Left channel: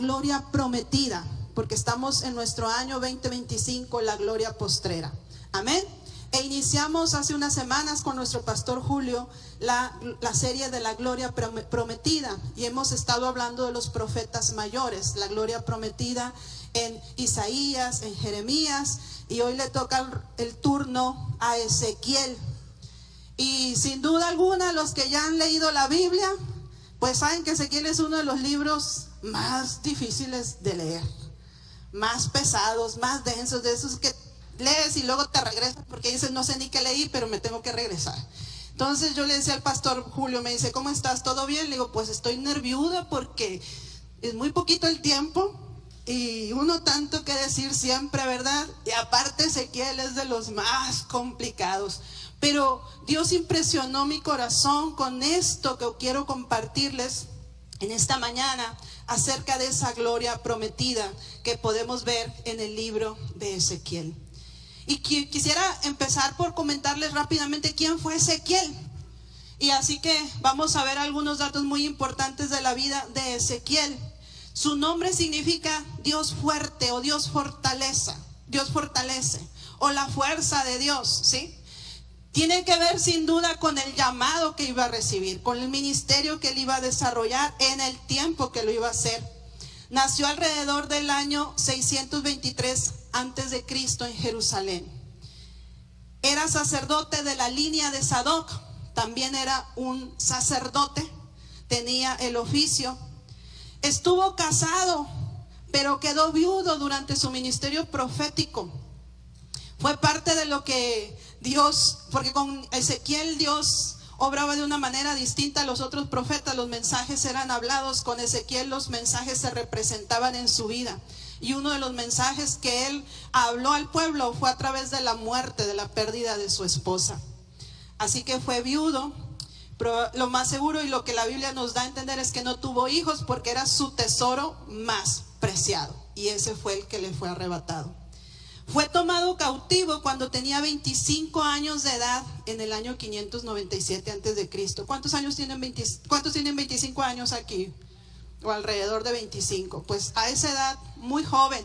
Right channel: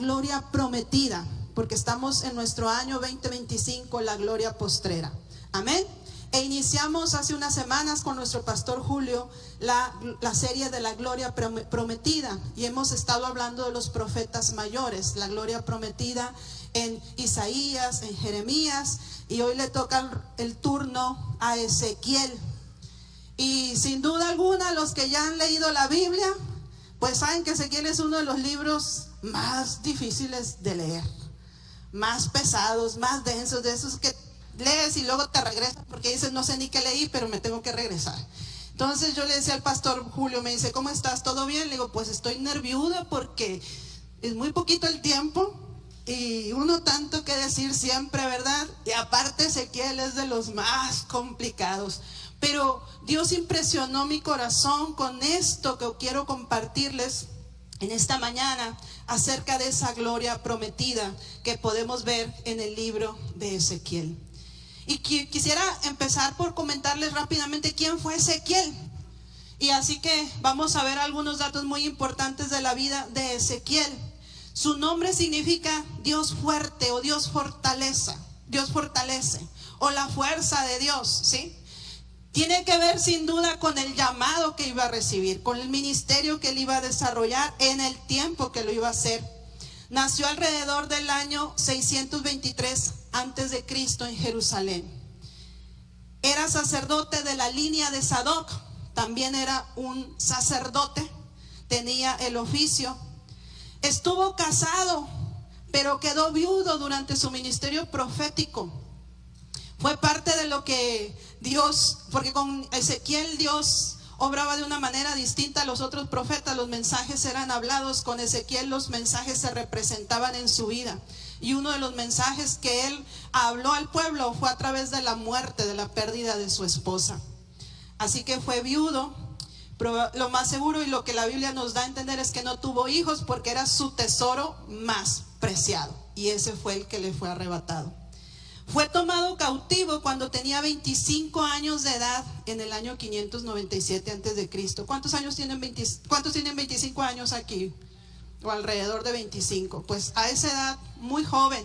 gloria prometida, porque estamos en nuestro año 2025, la gloria postrera. Amén. E iniciamos hace unas semanas con nuestro pastor Julio la serie de la gloria prometida, y hemos estado hablando de los profetas mayores, la gloria prometida en Isaías, en Jeremías, y hoy le toca el turno a Ezequiel. Y sin duda alguna, los que ya han leído la Biblia, pues saben que Ezequiel es uno de los libros más difíciles de leer, más pesados, más densos, de esos que lees y luego te regresas porque dices, no sé ni qué leí, pero me tengo que regresar. Entonces yo le decía al pastor Julio, me dice, ¿cómo estás? ¿Todo bien? Le digo, pues estoy nerviuda porque es muy poquito el tiempo y uno tanto que decir siempre, ¿verdad? Y aparte Ezequiel es de los más complicados. Pero Dios impresionó mi corazón con esto que quiero compartirles en esta mañana acerca de esa gloria prometida que podemos ver en el libro de Ezequiel. Y quisiera empezar por comentarles rápidamente quién fue Ezequiel. Y así que vamos a ver algunos datos muy importantes de la vida de Ezequiel. Su nombre significa Dios fuerte o Dios fortaleza, Dios fortalece, o la fuerza de Dios, ¿sí? Tiene que ver sin duda con el llamado que iba a recibir, con el ministerio que él iba a desarrollar en el tiempo que lo iba a hacer. Nació alrededor del año 623 antes de Cristo en Jerusalén. Era sacerdote de la línea de Sadoc, también era un sacerdote, tenía el oficio. Estuvo casado, pero quedó viudo durante su ministerio profético. Fue parte de lo que Dios, porque con Ezequiel Dios obraba de una manera distinta a los otros profetas. Los mensajes eran hablados, con Ezequiel los mensajes se representaban en su vida. Y uno de los mensajes que él habló al pueblo fue a través de la muerte, de la pérdida de su esposa. Así que fue viudo, pero lo más seguro y lo que la Biblia nos da a entender es que no tuvo hijos porque era su tesoro más preciado. Y ese fue el que le fue arrebatado. Fue tomado cautivo cuando tenía 25 años de edad en el año 597 antes de Cristo. ¿Cuántos tienen 25 años aquí? O alrededor de 25. Pues a esa edad, muy joven,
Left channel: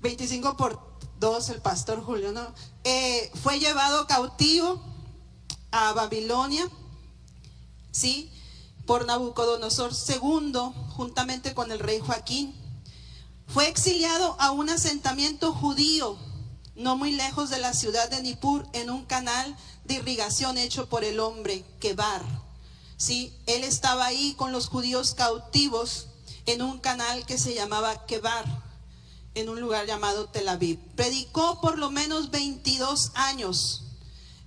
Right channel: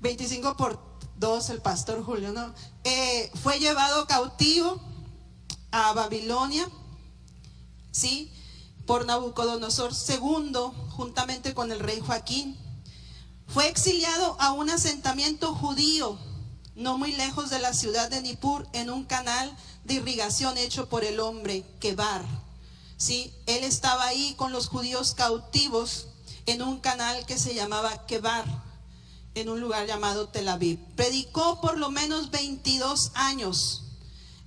25 por 2, el pastor Julio, ¿no? Fue llevado cautivo a Babilonia, ¿sí? Por Nabucodonosor II, juntamente con el rey Joaquín. Fue exiliado a un asentamiento judío, no muy lejos de la ciudad de Nippur, en un canal de irrigación hecho por el hombre Quebar. Sí, él estaba ahí con los judíos cautivos en un canal que se llamaba Quebar, en un lugar llamado Tel Aviv. Predicó por lo menos 22 años.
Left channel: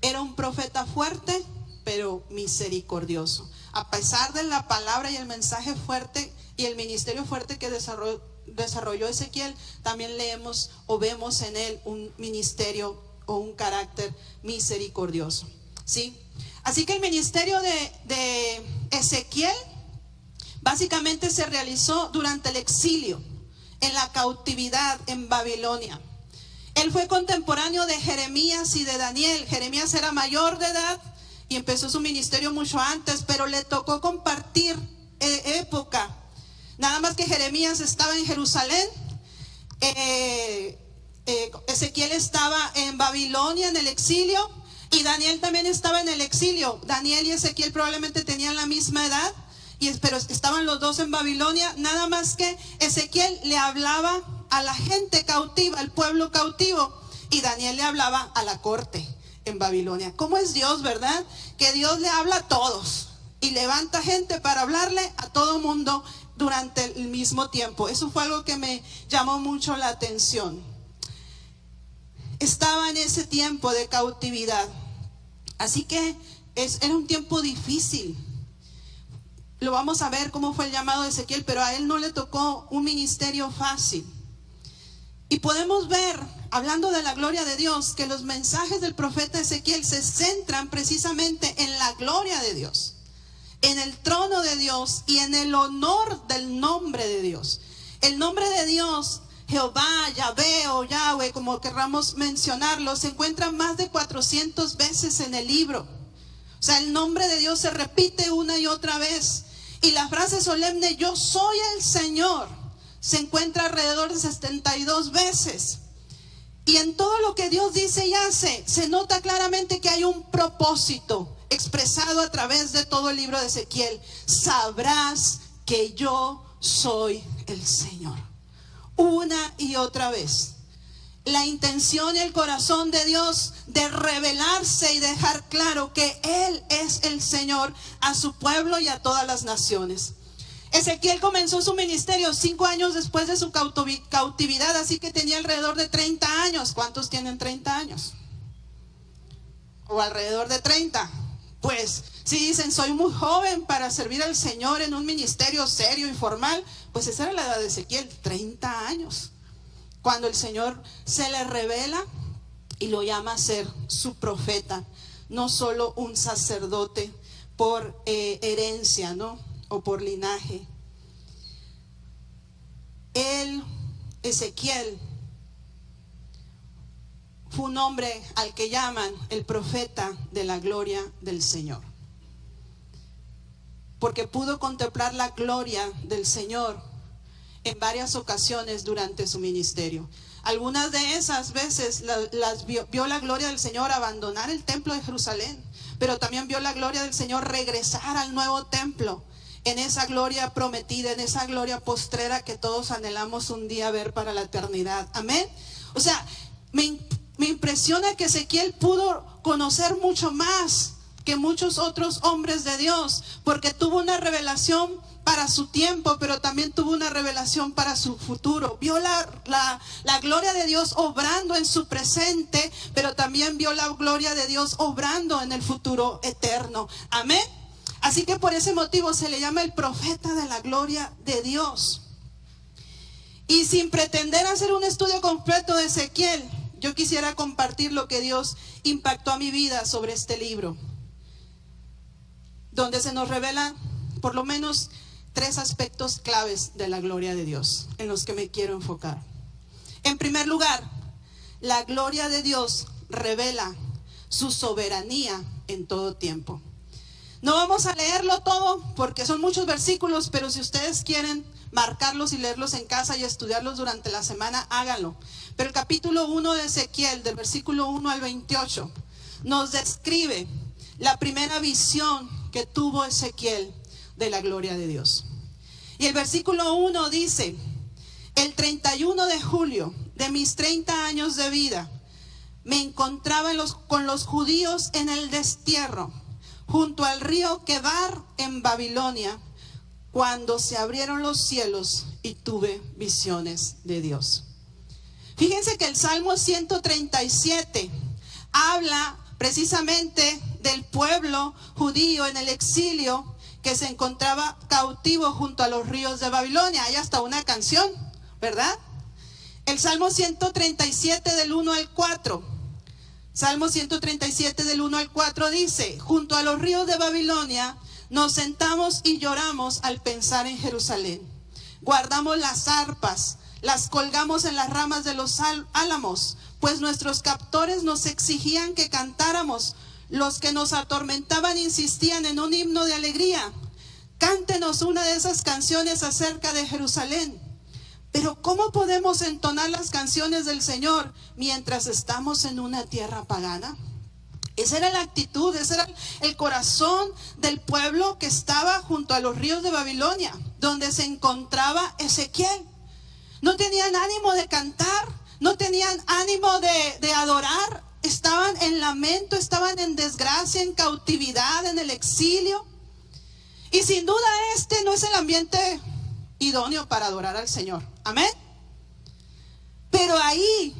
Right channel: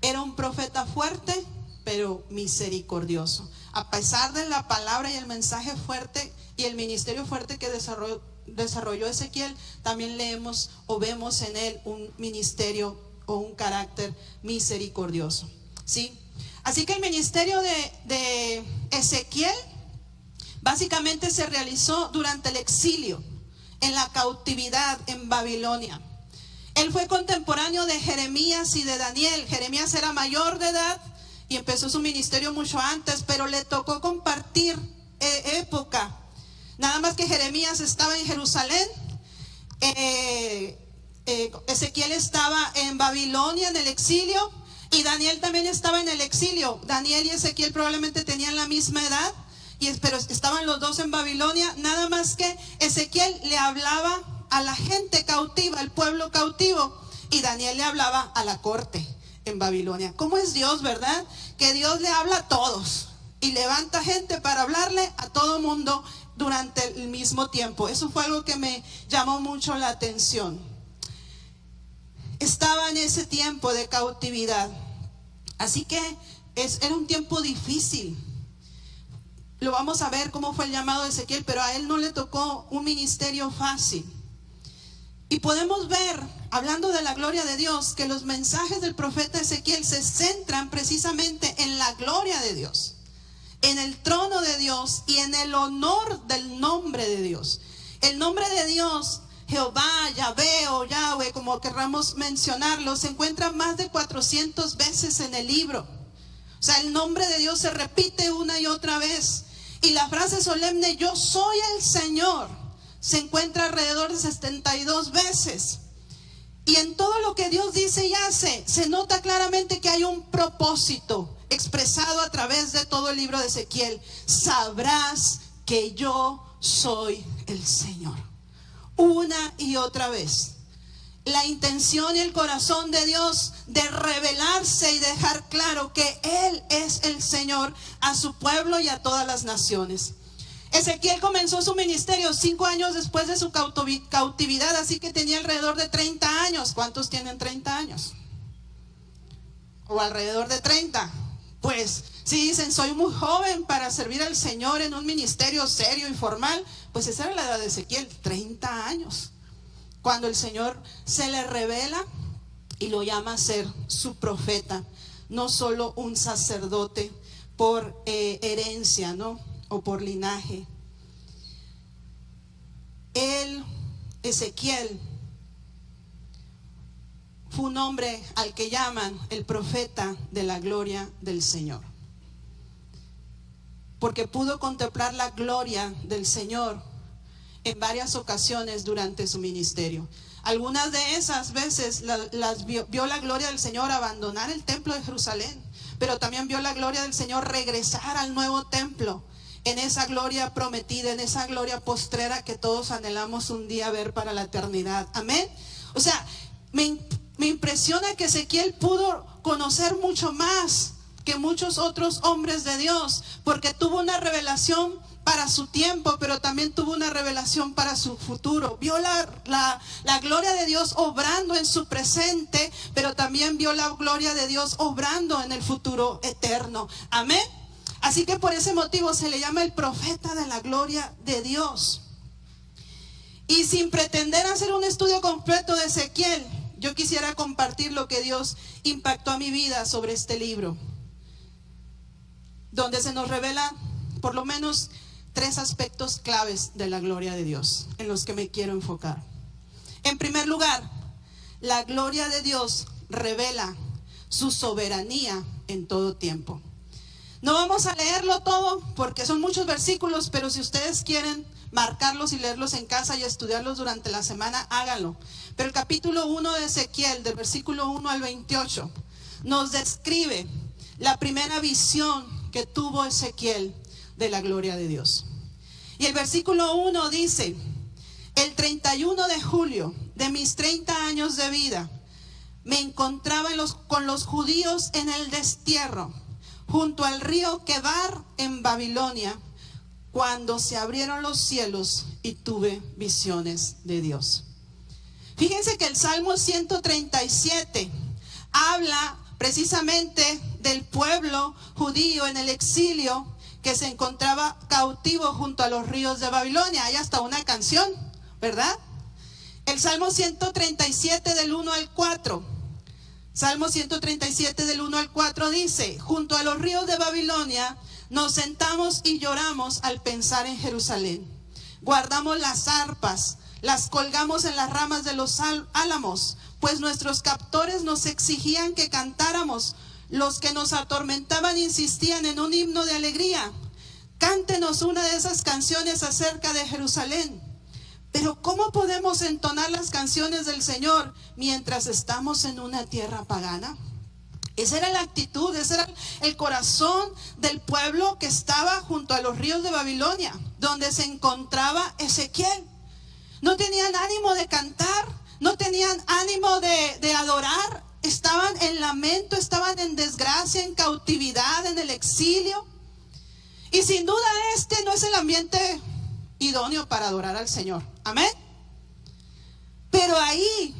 Era un profeta fuerte, pero misericordioso. A pesar de la palabra y el mensaje fuerte y el ministerio fuerte que desarrolló Ezequiel, también leemos o vemos en él un ministerio o un carácter misericordioso, ¿sí? Así que el ministerio de Ezequiel básicamente se realizó durante el exilio, en la cautividad en Babilonia. Él fue contemporáneo de Jeremías y de Daniel. Jeremías era mayor de edad y empezó su ministerio mucho antes, pero le tocó compartir época. Nada más que Jeremías estaba en Jerusalén, Ezequiel estaba en Babilonia en el exilio, y Daniel también estaba en el exilio. Daniel y Ezequiel probablemente tenían la misma edad, pero estaban los dos en Babilonia. Nada más que Ezequiel le hablaba a la gente cautiva, al pueblo cautivo, y Daniel le hablaba a la corte en Babilonia. ¿Cómo es Dios, verdad? Que Dios le habla a todos y levanta gente para hablarle a todo mundo durante el mismo tiempo. Eso fue algo que me llamó mucho la atención. Estaba en ese tiempo de cautividad, así que era un tiempo difícil. Lo vamos a ver cómo fue el llamado de Ezequiel, pero a él no le tocó un ministerio fácil. Y podemos ver, hablando de la gloria de Dios, que los mensajes del profeta Ezequiel se centran precisamente en la gloria de Dios, en el trono de Dios y en el honor del nombre de Dios. El nombre de Dios, Jehová, Yahvé o Yahweh, como querramos mencionarlo, se encuentra más de 400 veces en el libro. O sea, el nombre de Dios se repite una y otra vez. Y la frase solemne, yo soy el Señor, se encuentra alrededor de 72 veces. Y en todo lo que Dios dice y hace, se nota claramente que hay un propósito expresado a través de todo el libro de Ezequiel. Sabrás que yo soy el Señor. Una y otra vez. La intención y el corazón de Dios de revelarse y dejar claro que Él es el Señor a su pueblo y a todas las naciones. Ezequiel comenzó su ministerio 5 años después de su cautividad, así que tenía alrededor de 30 años. ¿Cuántos tienen 30 años? O alrededor de 30. Pues si dicen, soy muy joven para servir al Señor en un ministerio serio y formal, pues esa era la edad de Ezequiel, 30 años. Cuando el Señor se le revela y lo llama a ser su profeta, no solo un sacerdote por herencia, ¿no? O por linaje. Él, Ezequiel, fue un hombre al que llaman el profeta de la gloria del Señor, porque pudo contemplar la gloria del Señor en varias ocasiones durante su ministerio. Algunas de esas veces vio la gloria del Señor abandonar el templo de Jerusalén, pero también vio la gloria del Señor regresar al nuevo templo, en esa gloria prometida, en esa gloria postrera que todos anhelamos un día ver para la eternidad. Amén. O sea, me impresiona que Ezequiel pudo conocer mucho más que muchos otros hombres de Dios, porque tuvo una revelación para su tiempo, pero también tuvo una revelación para su futuro. Vio la gloria de Dios obrando en su presente, pero también vio la gloria de Dios obrando en el futuro eterno. Amén. Así que por ese motivo se le llama el profeta de la gloria de Dios. Y sin pretender hacer un estudio completo de Ezequiel, yo quisiera compartir lo que Dios impactó a mi vida sobre este libro, donde se nos revela por lo menos 3 aspectos claves de la gloria de Dios, en los que me quiero enfocar. En primer lugar, la gloria de Dios revela su soberanía en todo tiempo. No vamos a leerlo todo porque son muchos versículos, pero si ustedes quieren marcarlos y leerlos en casa y estudiarlos durante la semana, háganlo. Pero el capítulo 1 de Ezequiel, del versículo 1 al 28, nos describe la primera visión que tuvo Ezequiel de la gloria de Dios. Y el versículo 1 dice: el 31 de julio de mis 30 años de vida, me encontraba con los judíos en el destierro, junto al río Quebar en Babilonia, cuando se abrieron los cielos y tuve visiones de Dios. Fíjense que el Salmo 137 habla precisamente del pueblo judío en el exilio que se encontraba cautivo junto a los ríos de Babilonia. Hay hasta una canción, ¿verdad? El Salmo 137 del 1 al 4. Salmo 137 del 1 al 4 dice: junto a los ríos de Babilonia nos sentamos y lloramos al pensar en Jerusalén. Guardamos las arpas, las colgamos en las ramas de los álamos, pues nuestros captores nos exigían que cantáramos. Los que nos atormentaban insistían en un himno de alegría. Cántenos una de esas canciones acerca de Jerusalén. Pero ¿cómo podemos entonar las canciones del Señor mientras estamos en una tierra pagana? Esa era la actitud, ese era el corazón del pueblo que estaba junto a los ríos de Babilonia, donde se encontraba Ezequiel. No tenían ánimo de cantar, no tenían ánimo de adorar, estaban en lamento, estaban en desgracia, en cautividad, en el exilio. Y sin duda este no es el ambiente idóneo para adorar al Señor. Amén. Pero ahí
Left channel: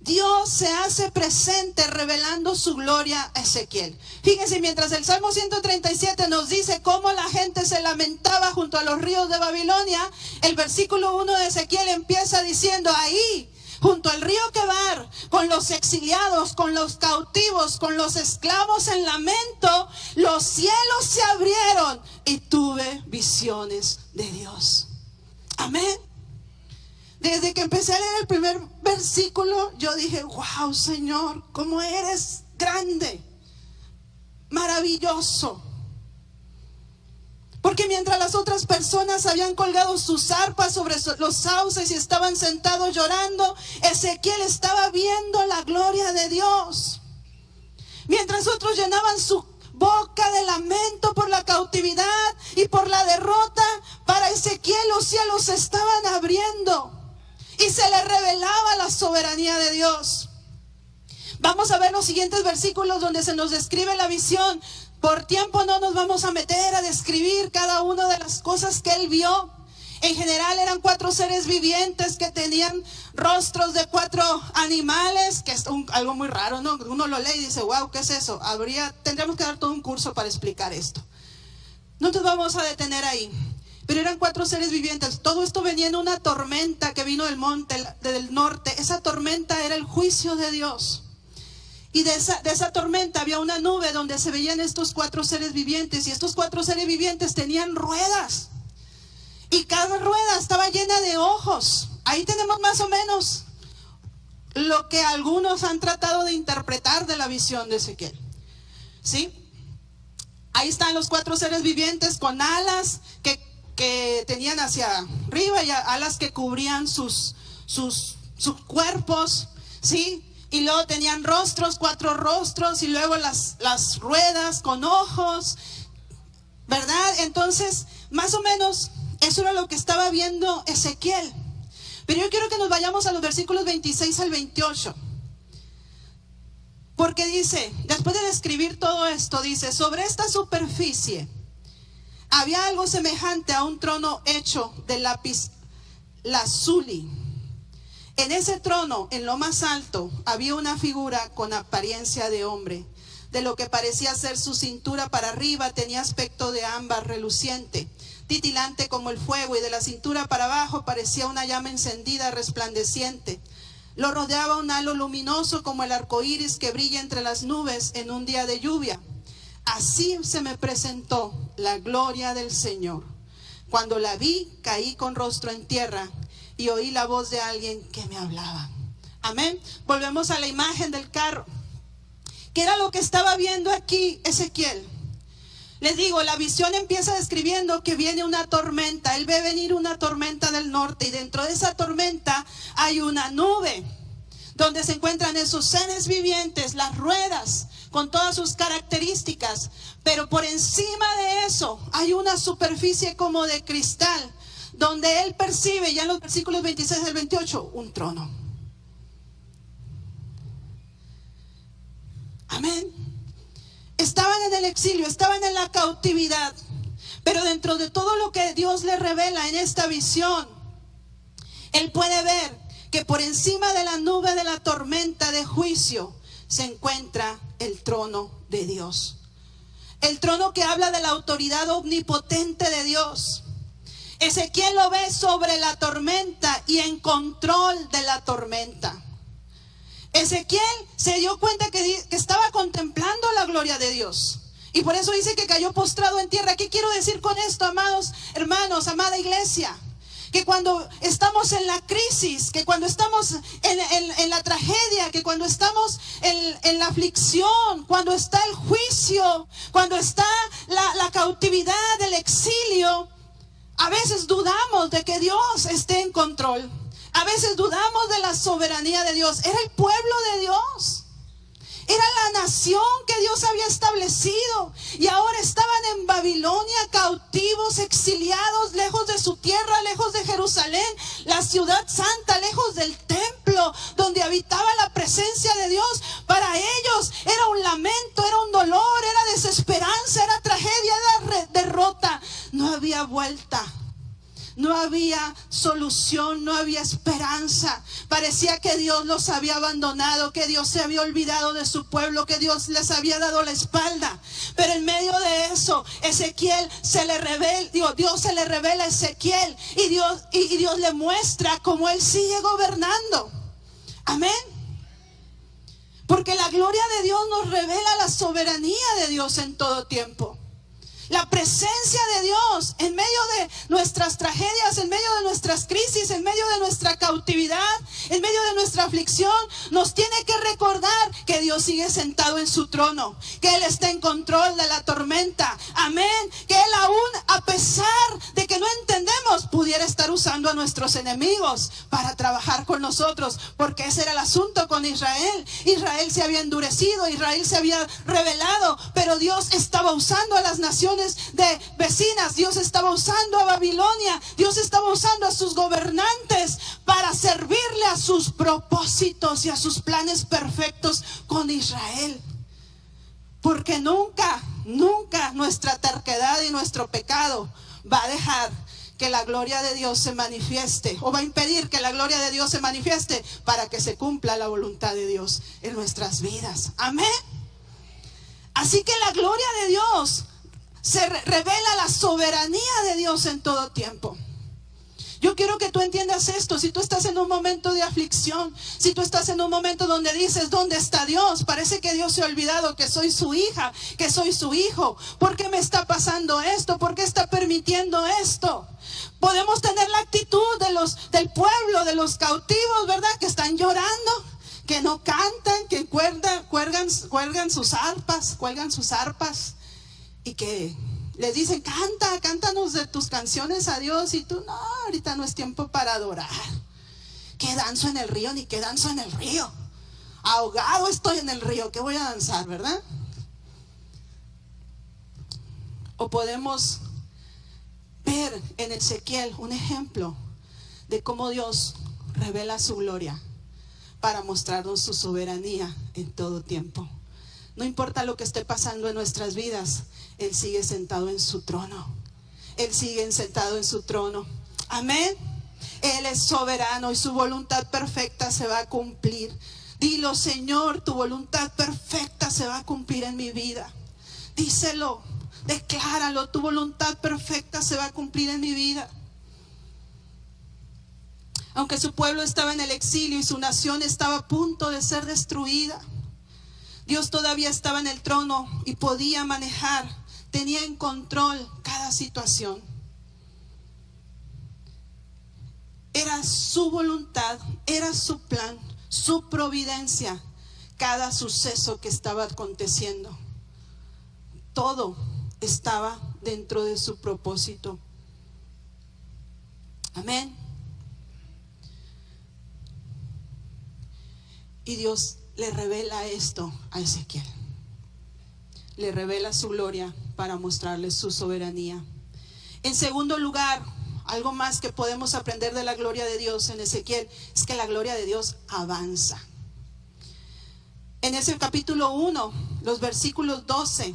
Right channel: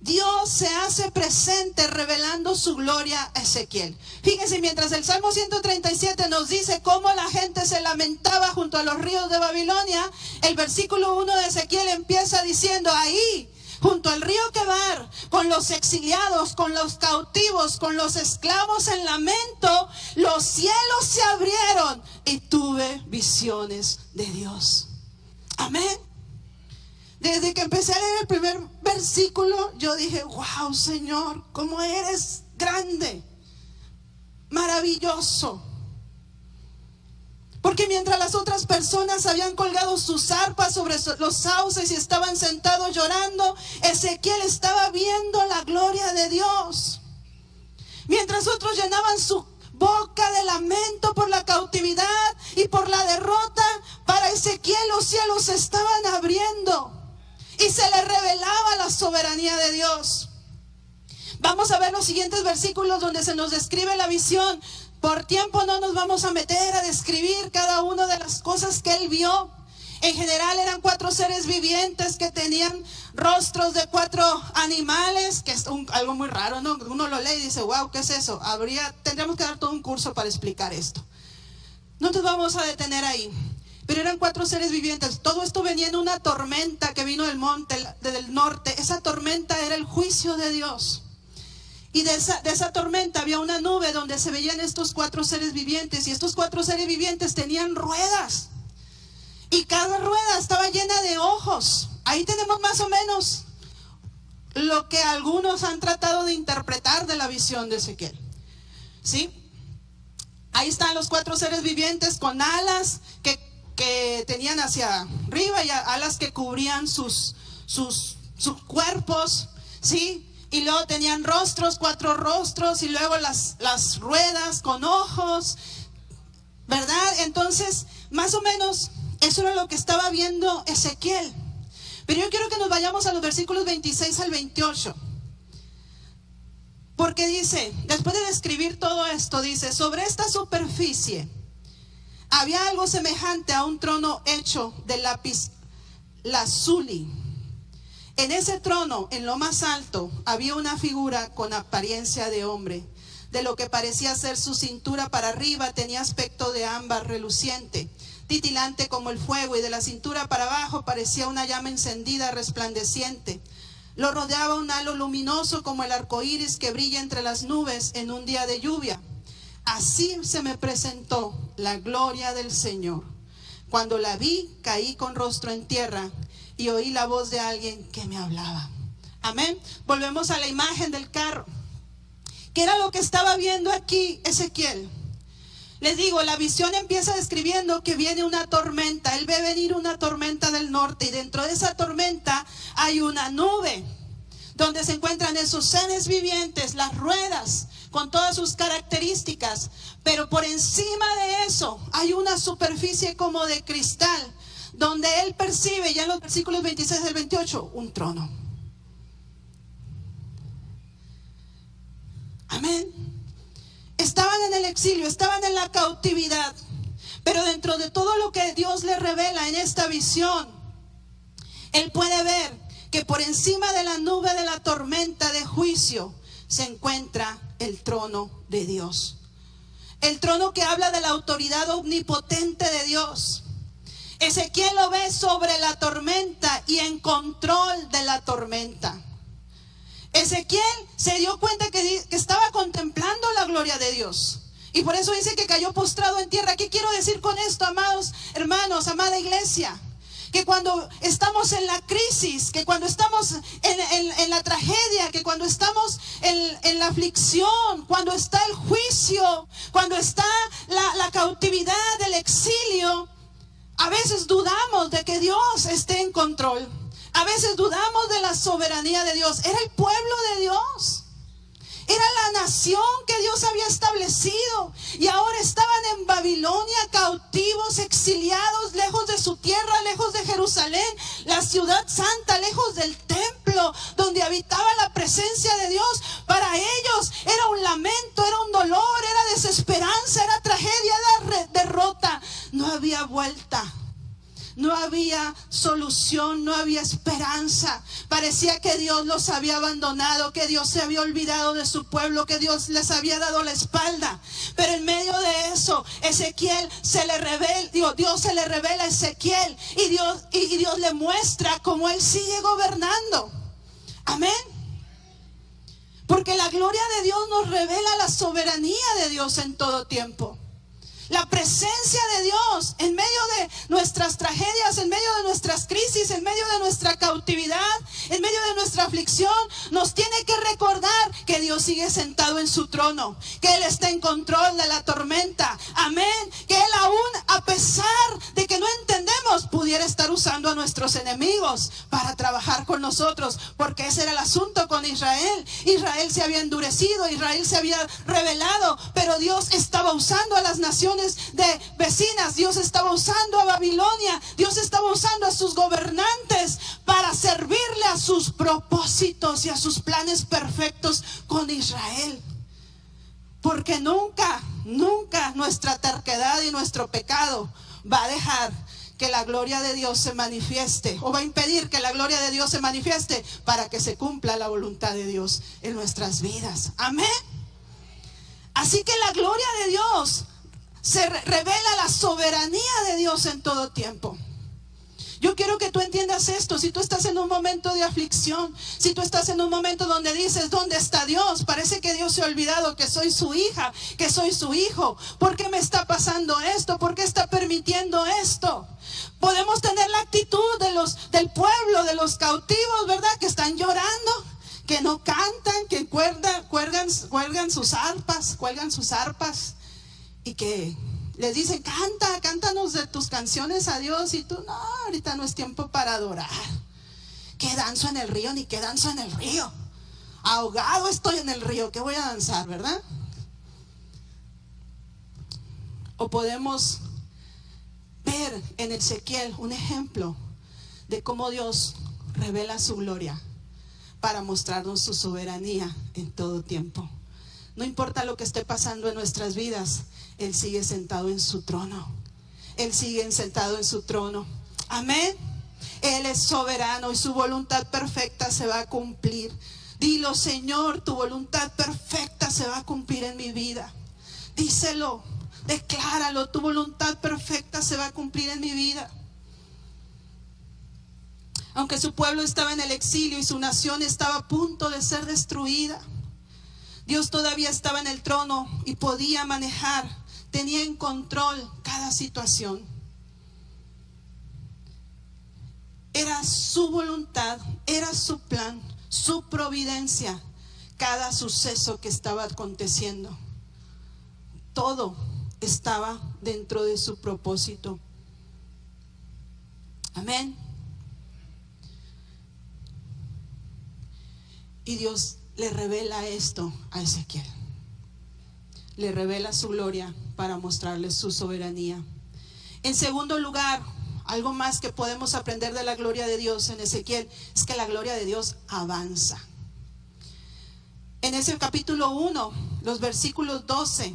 Dios se hace presente revelando su gloria a Ezequiel. Fíjense, mientras el Salmo 137 nos dice cómo la gente se lamentaba junto a los ríos de Babilonia, el versículo 1 de Ezequiel empieza diciendo: ahí, junto al río Quebar, con los exiliados, con los cautivos, con los esclavos en lamento, los cielos se abrieron y tuve visiones de Dios. Amén. Desde que empecé a leer el primer versículo, yo dije: wow, Señor, cómo eres grande, maravilloso. Porque mientras las otras personas habían colgado sus arpas sobre los sauces y estaban sentados llorando, Ezequiel estaba viendo la gloria de Dios. Mientras otros llenaban su boca de lamento por la cautividad y por la derrota, para Ezequiel los cielos se estaban abriendo y se le revelaba la soberanía de Dios. Vamos a ver los siguientes versículos donde se nos describe la visión. Por tiempo no nos vamos a meter a describir cada una de las cosas que él vio. En general eran 4 seres vivientes que tenían rostros de 4 animales, que es algo muy raro, ¿no? Uno lo lee y dice, wow, ¿qué es eso? Tendríamos que dar todo un curso para explicar esto. No nos vamos a detener ahí. Pero eran 4 seres vivientes. Todo esto venía en una tormenta que vino del monte, del norte. Esa tormenta era el juicio de Dios. Y de esa tormenta había una nube donde se veían estos 4 seres vivientes. Y estos 4 seres vivientes tenían ruedas. Y cada rueda estaba llena de ojos. Ahí tenemos más o menos lo que algunos han tratado de interpretar de la visión de Ezequiel. ¿Sí? Ahí están los 4 seres vivientes con alas que tenían hacia arriba y alas que cubrían sus cuerpos. ¿Sí? Y luego tenían rostros, 4 rostros, y luego las ruedas con ojos, ¿verdad? Entonces, más o menos, eso era lo que estaba viendo Ezequiel. Pero yo quiero que nos vayamos a los versículos 26 al 28. Porque dice, después de describir todo esto, dice, sobre esta superficie había algo semejante a un trono hecho de lápiz lazuli. En ese trono, en lo más alto, había una figura con apariencia de hombre. De lo que parecía ser su cintura para arriba, tenía aspecto de ámbar reluciente, titilante como el fuego, y de la cintura para abajo parecía una llama encendida resplandeciente. Lo rodeaba un halo luminoso como el arco iris que brilla entre las nubes en un día de lluvia. Así se me presentó la gloria del Señor. Cuando la vi, caí con rostro en tierra y oí la voz de alguien que me hablaba. Amén. Volvemos a la imagen del carro. ¿Qué era lo que estaba viendo aquí Ezequiel? Les digo, la visión empieza describiendo que viene una tormenta. Él ve venir una tormenta del norte y dentro de esa tormenta hay una nube donde se encuentran esos seres vivientes, las ruedas con todas sus características. Pero por encima de eso hay una superficie como de cristal donde él percibe, ya en los versículos 26 al 28, un trono. Amén. Estaban en el exilio, estaban en la cautividad, pero dentro de todo lo que Dios le revela en esta visión, él puede ver que por encima de la nube de la tormenta de juicio se encuentra el trono de Dios. El trono que habla de la autoridad omnipotente de Dios. Ezequiel lo ve sobre la tormenta y en control de la tormenta. Ezequiel se dio cuenta que estaba contemplando la gloria de Dios. Y por eso dice que cayó postrado en tierra. ¿Qué quiero decir con esto, amados hermanos, amada iglesia? Que cuando estamos en la crisis, que cuando estamos en la tragedia, que cuando estamos en la aflicción, cuando está el juicio, cuando está la cautividad, el exilio, a veces dudamos de que Dios esté en control. A veces dudamos de la soberanía de Dios. Era el pueblo de Dios. Era la nación que Dios había establecido. Y ahora estaban en Babilonia, cautivos, exiliados, lejos de su tierra, lejos de Jerusalén, la ciudad santa, lejos del templo donde habitaba la presencia de Dios. Para ellos era un lamento, era un dolor, era desesperanza, era tragedia, era derrota. No había vuelta. No había solución, no había esperanza. Parecía que Dios los había abandonado, que Dios se había olvidado de su pueblo, que Dios les había dado la espalda. Pero en medio de eso, Dios se le revela a Ezequiel y Dios le muestra cómo Él sigue gobernando. Amén. Porque la gloria de Dios nos revela la soberanía de Dios en todo tiempo. La presencia de Dios en medio de nuestras tragedias, en medio de nuestras crisis, en medio de nuestra cautividad, en medio de nuestra aflicción, nos tiene que recordar que Dios sigue sentado en su trono, que Él está en control de la tormenta. Amén. Que Él aún, a pesar de que no entendemos, pudiera estar usando a nuestros enemigos para trabajar con nosotros, porque ese era el asunto con Israel. Israel se había endurecido, Israel se había rebelado, pero Dios estaba usando a las naciones vecinas, Dios estaba usando a Babilonia, Dios estaba usando a sus gobernantes para servirle a sus propósitos y a sus planes perfectos con Israel. Porque nunca nuestra terquedad y nuestro pecado va a dejar que la gloria de Dios se manifieste, o va a impedir que la gloria de Dios se manifieste para que se cumpla la voluntad de Dios en nuestras vidas. Amén. Así que la gloria de Dios se revela, la soberanía de Dios en todo tiempo. Yo quiero que tú entiendas esto. Si tú estás en un momento de aflicción, si tú estás en un momento donde dices, ¿dónde está Dios? Parece que Dios se ha olvidado que soy su hija, que soy su hijo. ¿Por qué me está pasando esto? ¿Por qué está permitiendo esto? Podemos tener la actitud del pueblo, de los cautivos, ¿verdad? Que están llorando, que no cantan, que cuelgan sus arpas y que les dicen, cántanos de tus canciones a Dios. Y tú, no, ahorita no es tiempo para adorar. ¿Qué danzo en el río? Ni qué danzo en el río. Ahogado estoy en el río, ¿qué voy a danzar, verdad? O podemos ver en Ezequiel un ejemplo de cómo Dios revela su gloria para mostrarnos su soberanía en todo tiempo. No importa lo que esté pasando en nuestras vidas, Él sigue sentado en su trono. Él sigue sentado en su trono. Amén. Él es soberano y su voluntad perfecta se va a cumplir. Dilo, Señor, tu voluntad perfecta se va a cumplir en mi vida. Díselo, decláralo, tu voluntad perfecta se va a cumplir en mi vida. Aunque su pueblo estaba en el exilio y su nación estaba a punto de ser destruida, Dios todavía estaba en el trono y podía manejar, tenía en control cada situación. Era su voluntad, era su plan, su providencia, cada suceso que estaba aconteciendo. Todo estaba dentro de su propósito. Amén. Y Dios le revela esto a Ezequiel. Le revela su gloria para mostrarle su soberanía. En segundo lugar, algo más que podemos aprender de la gloria de Dios en Ezequiel es que la gloria de Dios avanza. En ese capítulo 1, los versículos 12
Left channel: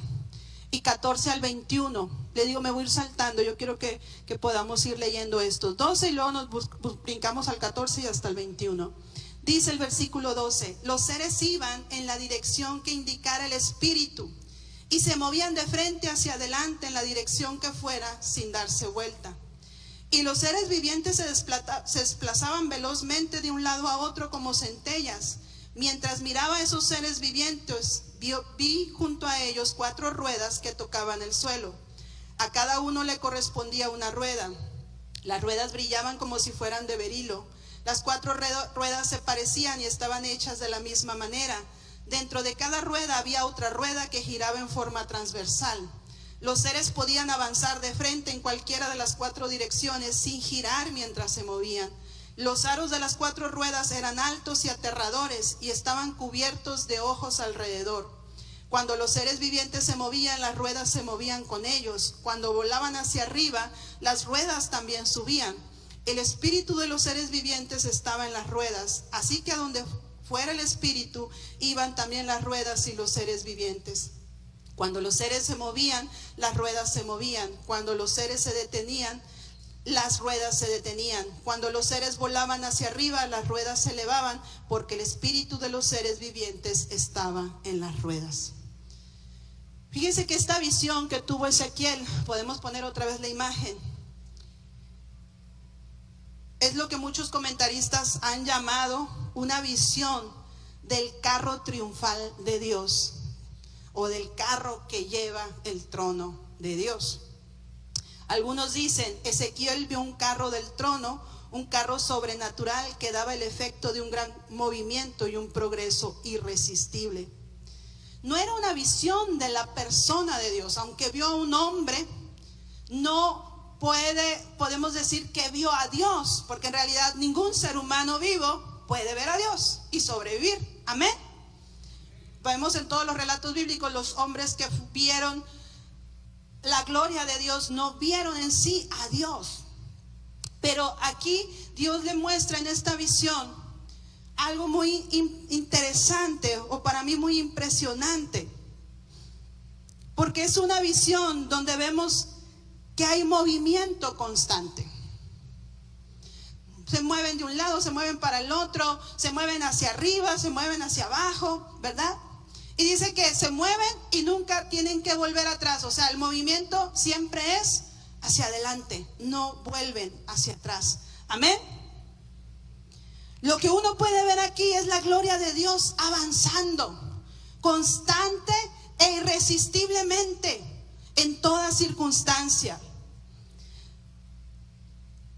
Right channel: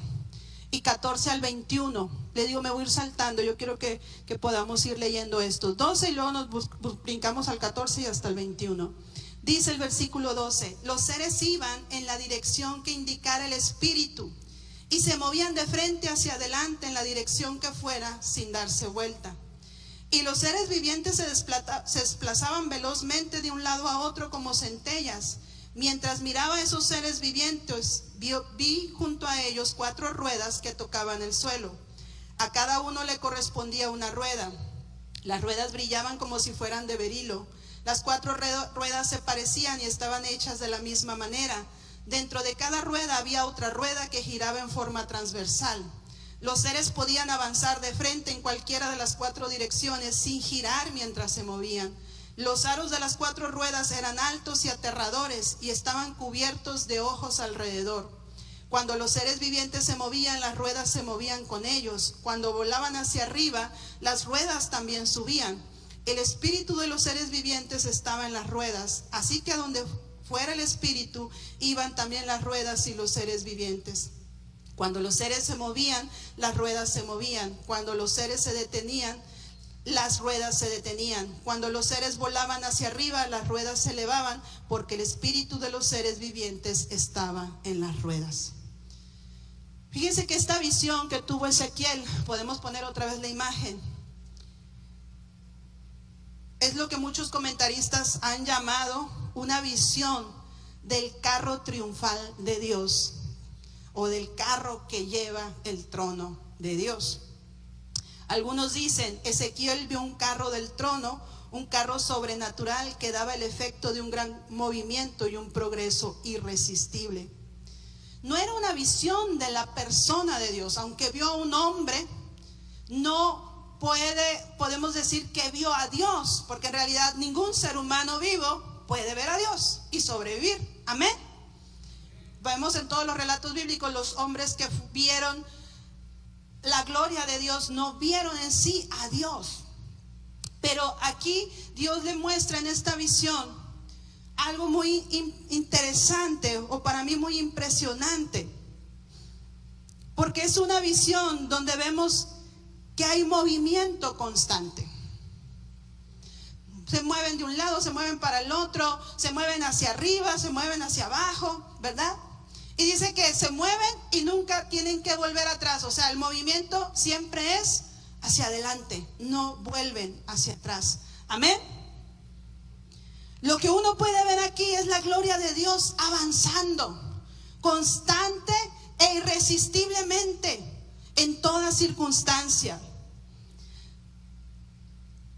y 14 al 21, le digo, me voy a ir saltando, yo quiero que podamos ir leyendo estos 12 y luego nos brincamos al 14 y hasta el 21. Dice el versículo 12, los seres iban en la dirección que indicara el espíritu y se movían de frente hacia adelante en la dirección que fuera sin darse vuelta. Y los seres vivientes se desplazaban velozmente de un lado a otro como centellas. Mientras miraba a esos seres vivientes, vi junto a ellos 4 ruedas que tocaban el suelo. A cada uno le correspondía una rueda. Las ruedas brillaban como si fueran de berilo. Las 4 ruedas se parecían y estaban hechas de la misma manera. Dentro de cada rueda había otra rueda que giraba en forma transversal. Los seres podían avanzar de frente en cualquiera de las 4 direcciones sin girar mientras se movían. Los aros de las 4 ruedas eran altos y aterradores y estaban cubiertos de ojos alrededor. Cuando los seres vivientes se movían, las ruedas se movían con ellos. Cuando volaban hacia arriba, las ruedas también subían. El espíritu de los seres vivientes estaba en las ruedas, así que a donde fuera el espíritu, iban también las ruedas y los seres vivientes. Cuando los seres se movían, las ruedas se movían. Cuando los seres se detenían, las ruedas se detenían. Cuando los seres volaban hacia arriba, las ruedas se elevaban, porque el espíritu de los seres vivientes estaba en las ruedas. Fíjense que esta visión que tuvo Ezequiel, podemos poner otra vez la imagen, es lo que muchos comentaristas han llamado una visión del carro triunfal de Dios, o del carro que lleva el trono de Dios. Algunos dicen, Ezequiel vio un carro del trono, un carro sobrenatural que daba el efecto de un gran movimiento y un progreso irresistible. no era una visión de la persona de Dios. Aunque vio a un hombre, no podemos decir que vio a Dios, porque en realidad ningún ser humano vivo puede ver a Dios y sobrevivir. Amén. Vemos en todos los relatos bíblicos, los hombres que vieron la gloria de Dios no vieron en sí a Dios. Pero aquí Dios le muestra en esta visión algo muy interesante, o para mí muy impresionante, porque es una visión donde vemos que hay movimiento constante. Se mueven de un lado, se mueven para el otro, se mueven hacia arriba, se mueven hacia abajo, ¿verdad? Y dice que se mueven y nunca tienen que volver atrás. O sea, el movimiento siempre es hacia adelante, no vuelven hacia atrás. Amén. Lo que uno puede ver aquí es la gloria de Dios avanzando, constante e irresistiblemente en toda circunstancia.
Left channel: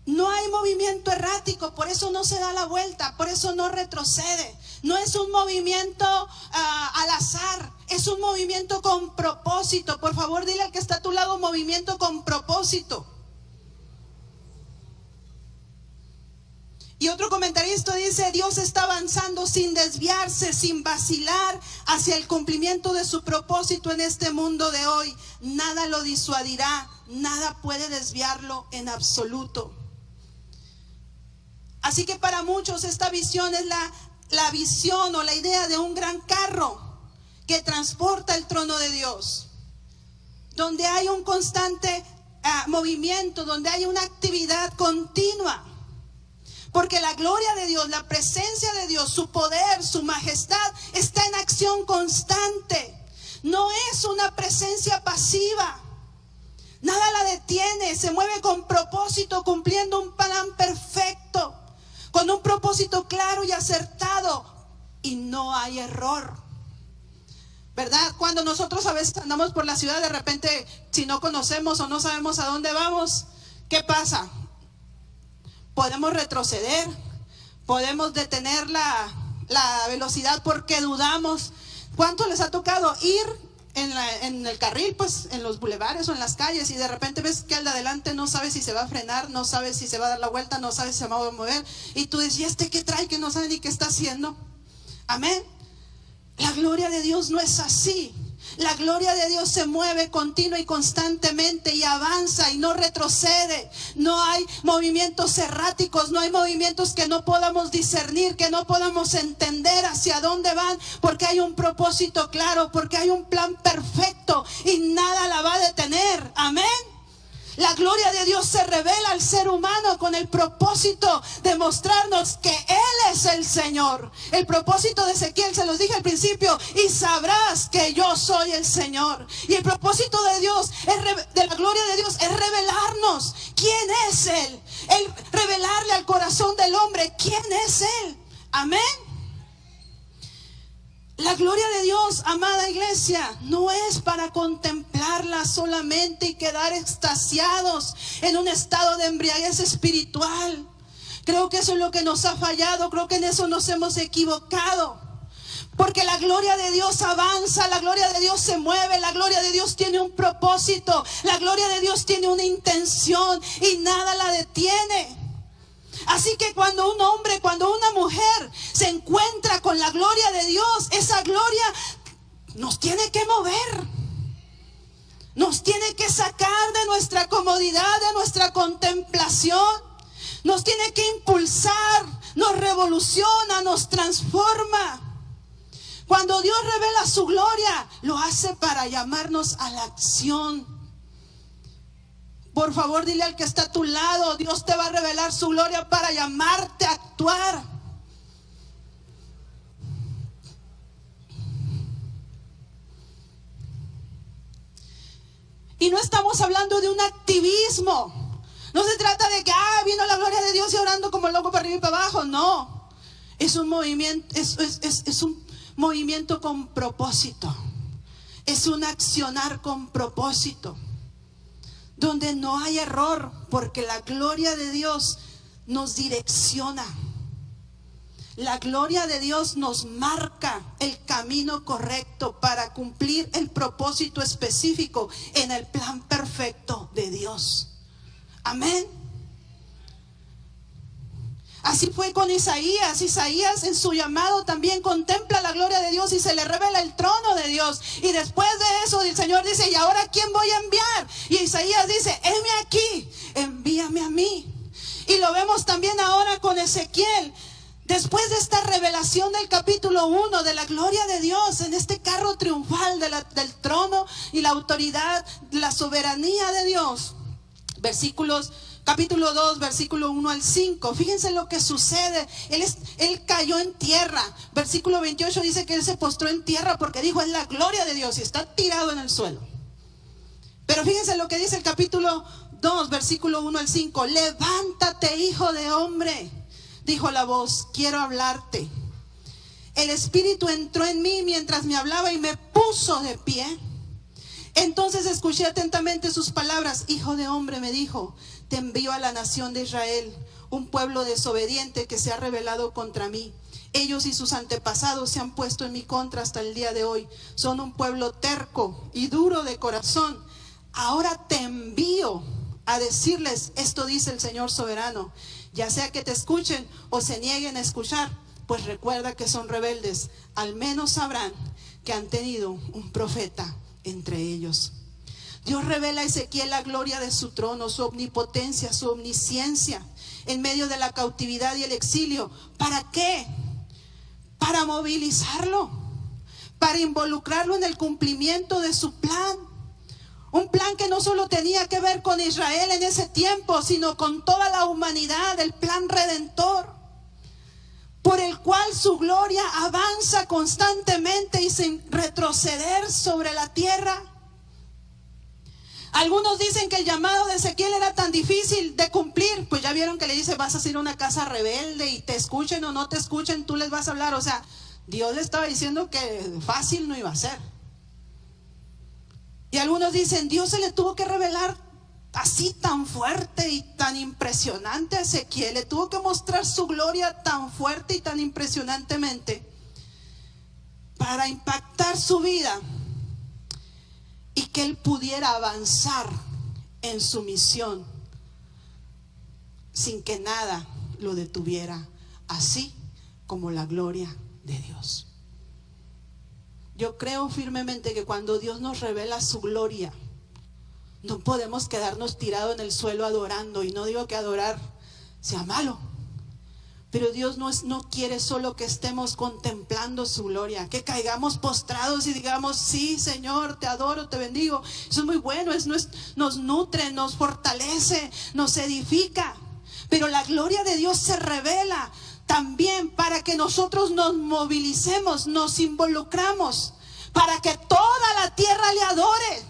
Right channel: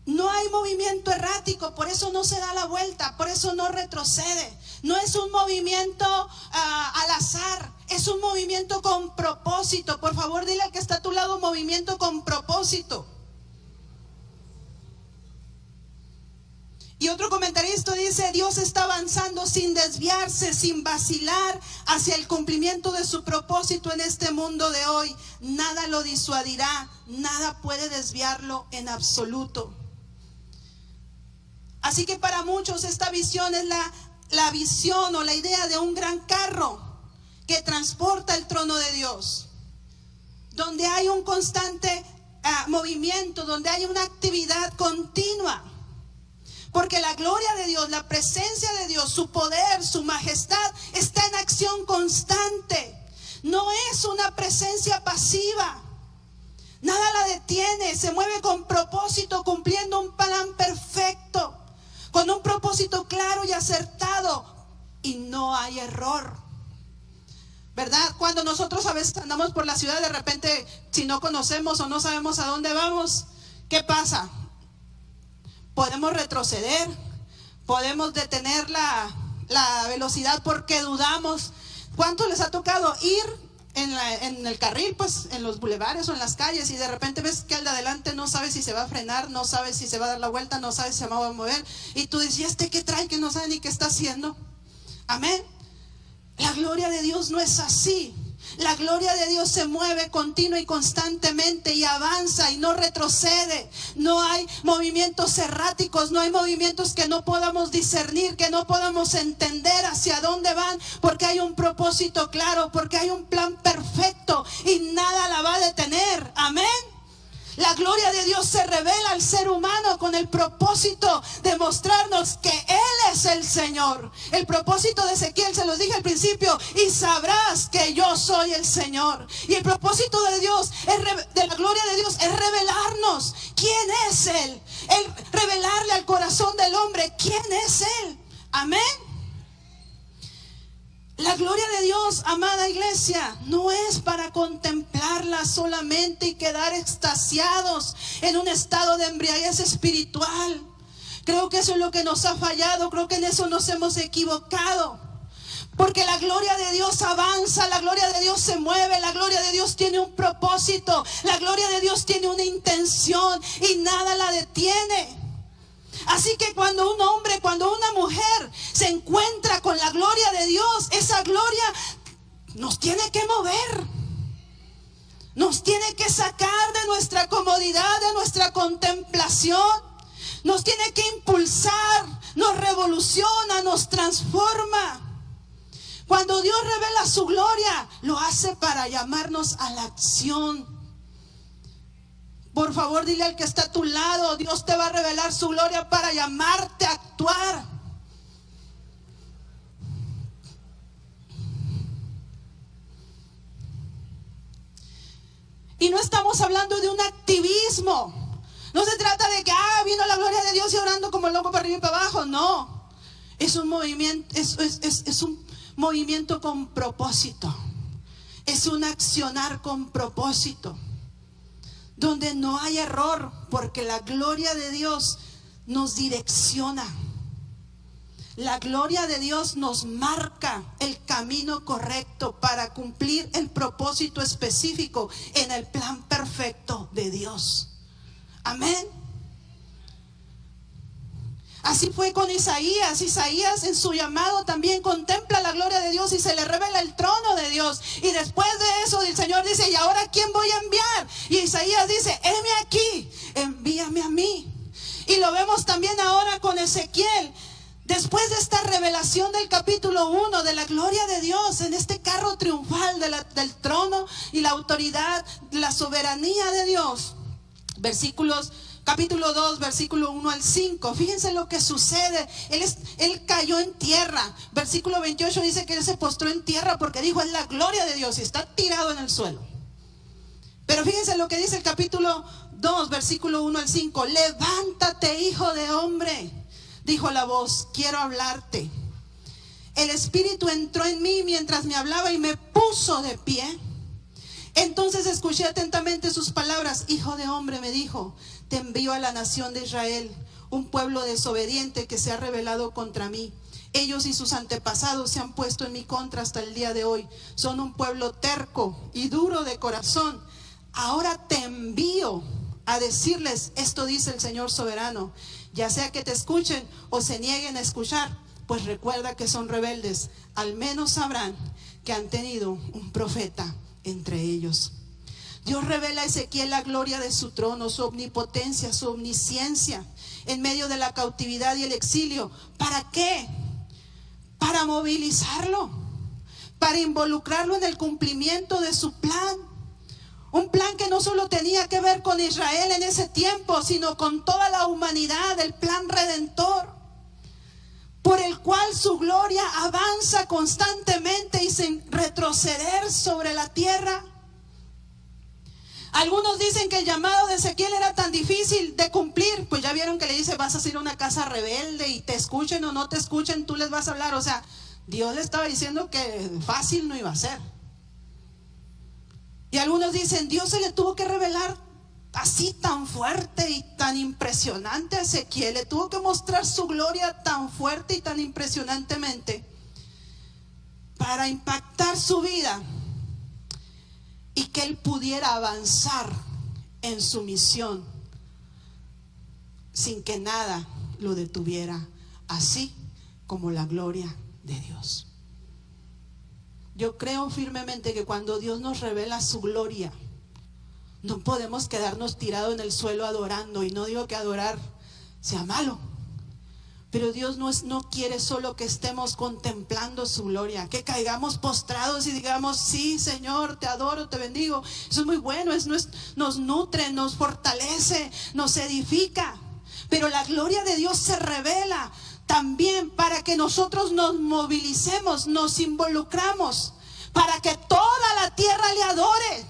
No hay movimiento errático, por eso no se da la vuelta, por eso no retrocede. No es un movimiento al azar, es un movimiento con propósito. Por favor, dile al que está a tu lado: movimiento con propósito. Y otro comentarista dice: Dios está avanzando sin desviarse, sin vacilar, hacia el cumplimiento de su propósito en este mundo de hoy. Nada lo disuadirá, nada puede desviarlo en absoluto. Así que para muchos esta visión es la visión o la idea de un gran carro que transporta el trono de Dios, donde hay un constante movimiento, donde hay una actividad continua. Porque la gloria de Dios, la presencia de Dios, su poder, su majestad está en acción constante. No es una presencia pasiva. Nada la detiene, se mueve con propósito, cumpliendo un plan perfecto, con un propósito claro y acertado, y no hay error, ¿verdad? Cuando nosotros a veces andamos por la ciudad, de repente, si no conocemos o no sabemos a dónde vamos, ¿qué pasa? Podemos retroceder, podemos detener la velocidad porque dudamos. ¿Cuánto les ha tocado ir en el carril, pues en los bulevares o en las calles, y de repente ves que al de adelante no sabe si se va a frenar, no sabe si se va a dar la vuelta, no sabe si se va a mover, y tú dices: ¿y este qué trae que no sabe ni qué está haciendo? Amén. La gloria de Dios no es así. La gloria de Dios se mueve continua y constantemente y avanza y no retrocede. No hay movimientos erráticos, no hay movimientos que no podamos discernir, que no podamos entender hacia dónde van, porque hay un propósito claro, porque hay un plan perfecto y nada la va a detener. Amén. La gloria de Dios se revela al ser humano con el propósito de mostrarnos que Él es el Señor. El propósito de Ezequiel, se los dije al principio: y sabrás que yo soy el Señor. Y el propósito de Dios, de la gloria de Dios, es revelarnos quién es Él. El revelarle al corazón del hombre quién es Él. Amén. La gloria de Dios, amada iglesia, no es para contemplarla solamente y quedar extasiados en un estado de embriaguez espiritual. Creo que eso es lo que nos ha fallado, creo que en eso nos hemos equivocado. Porque la gloria de Dios avanza, la gloria de Dios se mueve, la gloria de Dios tiene un propósito, la gloria de Dios tiene una intención y nada la detiene. Así que cuando un hombre, cuando una mujer se encuentra con la gloria de Dios, esa gloria nos tiene que mover, nos tiene que sacar de nuestra comodidad, de nuestra contemplación, nos tiene que impulsar, nos revoluciona, nos transforma. Cuando Dios revela su gloria, lo hace para llamarnos a la acción. Por favor, dile al que está a tu lado: Dios te va a revelar su gloria para llamarte a actuar. Y no estamos hablando de un activismo. No se trata de que vino la gloria de Dios y orando como loco para arriba y para abajo. No, es un movimiento, es un movimiento con propósito. Es un accionar con propósito, donde no hay error, porque la gloria de Dios nos direcciona. La gloria de Dios nos marca el camino correcto para cumplir el propósito específico en el plan perfecto de Dios. Amén. Así fue con Isaías. Isaías en su llamado también contempla la gloria de Dios y se le revela el trono de Dios. Y después de eso el Señor dice: ¿y ahora quién voy a enviar? Y Isaías dice: heme aquí, envíame a mí. Y lo vemos también ahora con Ezequiel. Después de esta revelación del capítulo 1 de la gloria de Dios en este carro triunfal del trono y la autoridad, la soberanía de Dios. Capítulo 2, versículo 1 al 5. Fíjense lo que sucede. Él cayó en tierra. Versículo 28 dice que él se postró en tierra porque dijo: es la gloria de Dios, y está tirado en el suelo. Pero fíjense lo que dice el capítulo 2, versículo 1 al 5. Levántate, hijo de hombre, dijo la voz, quiero hablarte. El Espíritu entró en mí mientras me hablaba y me puso de pie. Entonces escuché atentamente sus palabras. Hijo de hombre, me dijo, te envío a la nación de Israel, un pueblo desobediente que se ha rebelado contra mí. Ellos y sus antepasados se han puesto en mi contra hasta el día de hoy. Son un pueblo terco y duro de corazón. Ahora te envío a decirles: esto dice el Señor soberano. Ya sea que te escuchen o se nieguen a escuchar, pues recuerda que son rebeldes. Al menos sabrán que han tenido un profeta entre ellos. Dios revela a Ezequiel la gloria de su trono, su omnipotencia, su omnisciencia en medio de la cautividad y el exilio. ¿Para qué? Para movilizarlo, para involucrarlo en el cumplimiento de su plan. Un plan que no solo tenía que ver con Israel en ese tiempo, sino con toda la humanidad, el plan redentor, por el cual su gloria avanza constantemente y sin retroceder sobre la tierra. Algunos dicen que el llamado de Ezequiel era tan difícil de cumplir. Pues ya vieron que le dice: vas a ir a una casa rebelde y te escuchen o no te escuchen, tú les vas a hablar. O sea, Dios le estaba diciendo que fácil no iba a ser. Y algunos dicen: Dios se le tuvo que revelar así tan fuerte y tan impresionante a Ezequiel. Le tuvo que mostrar su gloria tan fuerte y tan impresionantemente para impactar su vida y que él pudiera avanzar en su misión sin que nada lo detuviera, así como la gloria de Dios. Yo creo firmemente que cuando Dios nos revela su gloria, no podemos quedarnos tirados en el suelo adorando. Y no digo que adorar sea malo, pero Dios no quiere solo que estemos contemplando su gloria, que caigamos postrados y digamos: sí, Señor, te adoro, te bendigo. Eso es muy bueno, nos nutre, nos fortalece, nos edifica. Pero la gloria de Dios se revela también para que nosotros nos movilicemos, nos involucramos, para que toda la tierra le adore.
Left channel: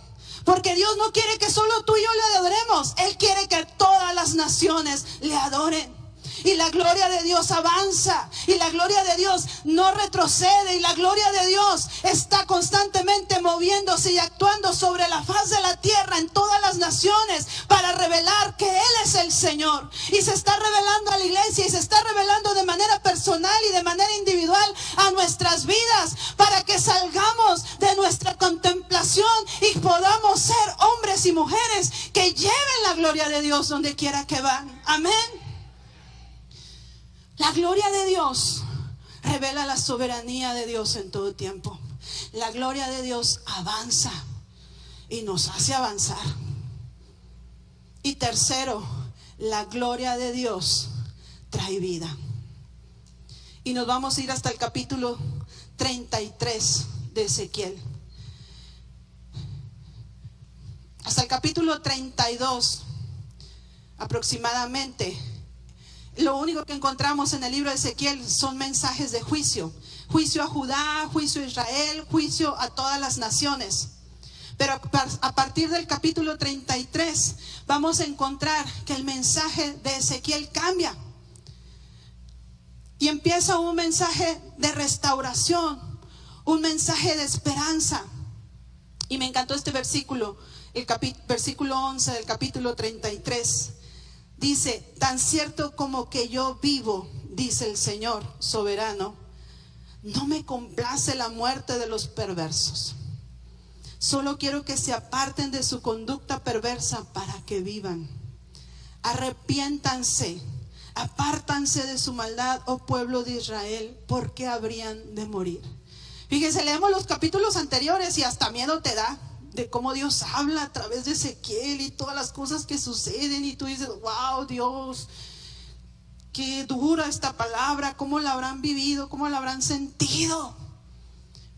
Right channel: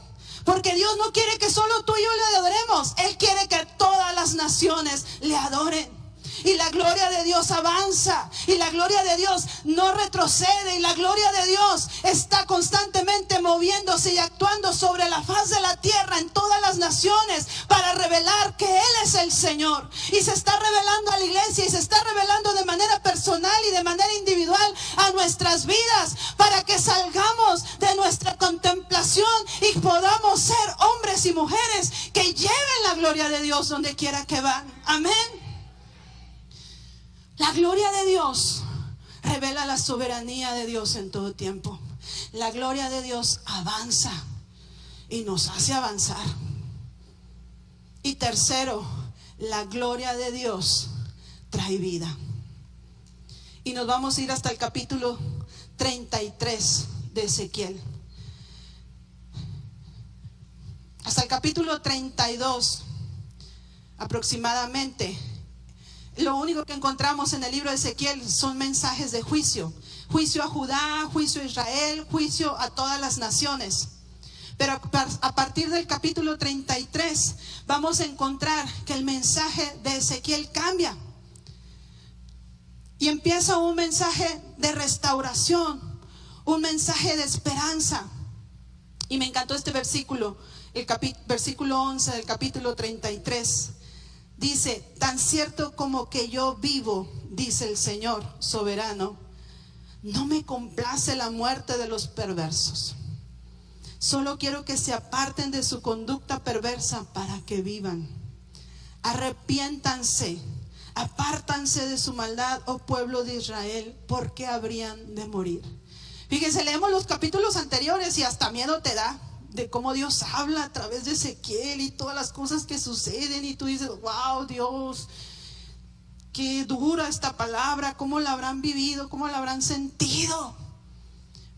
Porque Dios no quiere que solo tú y yo le adoremos. Él quiere que todas las naciones le adoren. Y la gloria de Dios avanza, y la gloria de Dios no retrocede, y la gloria de Dios está constantemente moviéndose y actuando sobre la faz de la tierra en todas las naciones para revelar que Él es el Señor. Y se está revelando a la iglesia, y se está revelando de manera personal y de manera individual a nuestras vidas, para que salgamos de nuestra contemplación y podamos ser hombres y mujeres que lleven la gloria de Dios donde quiera que van. Amén. La gloria de Dios revela la soberanía de Dios en todo tiempo. La gloria de Dios avanza y nos hace avanzar. Y tercero, la gloria de Dios trae vida. Y nos vamos a ir hasta el capítulo 33 de Ezequiel. Hasta el capítulo 32 aproximadamente. Lo único que encontramos en el libro de Ezequiel son mensajes de juicio. Juicio a Judá, juicio a Israel, juicio a todas las naciones. Pero a partir del capítulo 33 vamos a encontrar que el mensaje de Ezequiel cambia. Y empieza un mensaje de restauración, un mensaje de esperanza. Y me encantó este versículo, el versículo 11 del capítulo 33. Dice: tan cierto como que yo vivo, dice el Señor soberano, no me complace la muerte de los perversos. Solo quiero que se aparten de su conducta perversa para que vivan. Arrepiéntanse, apártanse de su maldad, oh pueblo de Israel, porque habrían de morir. Fíjense, leemos los capítulos anteriores y hasta miedo te da de cómo Dios habla a través de Ezequiel y todas las cosas que suceden, y tú dices, wow, Dios, qué dura esta palabra, cómo la habrán vivido, cómo la habrán sentido.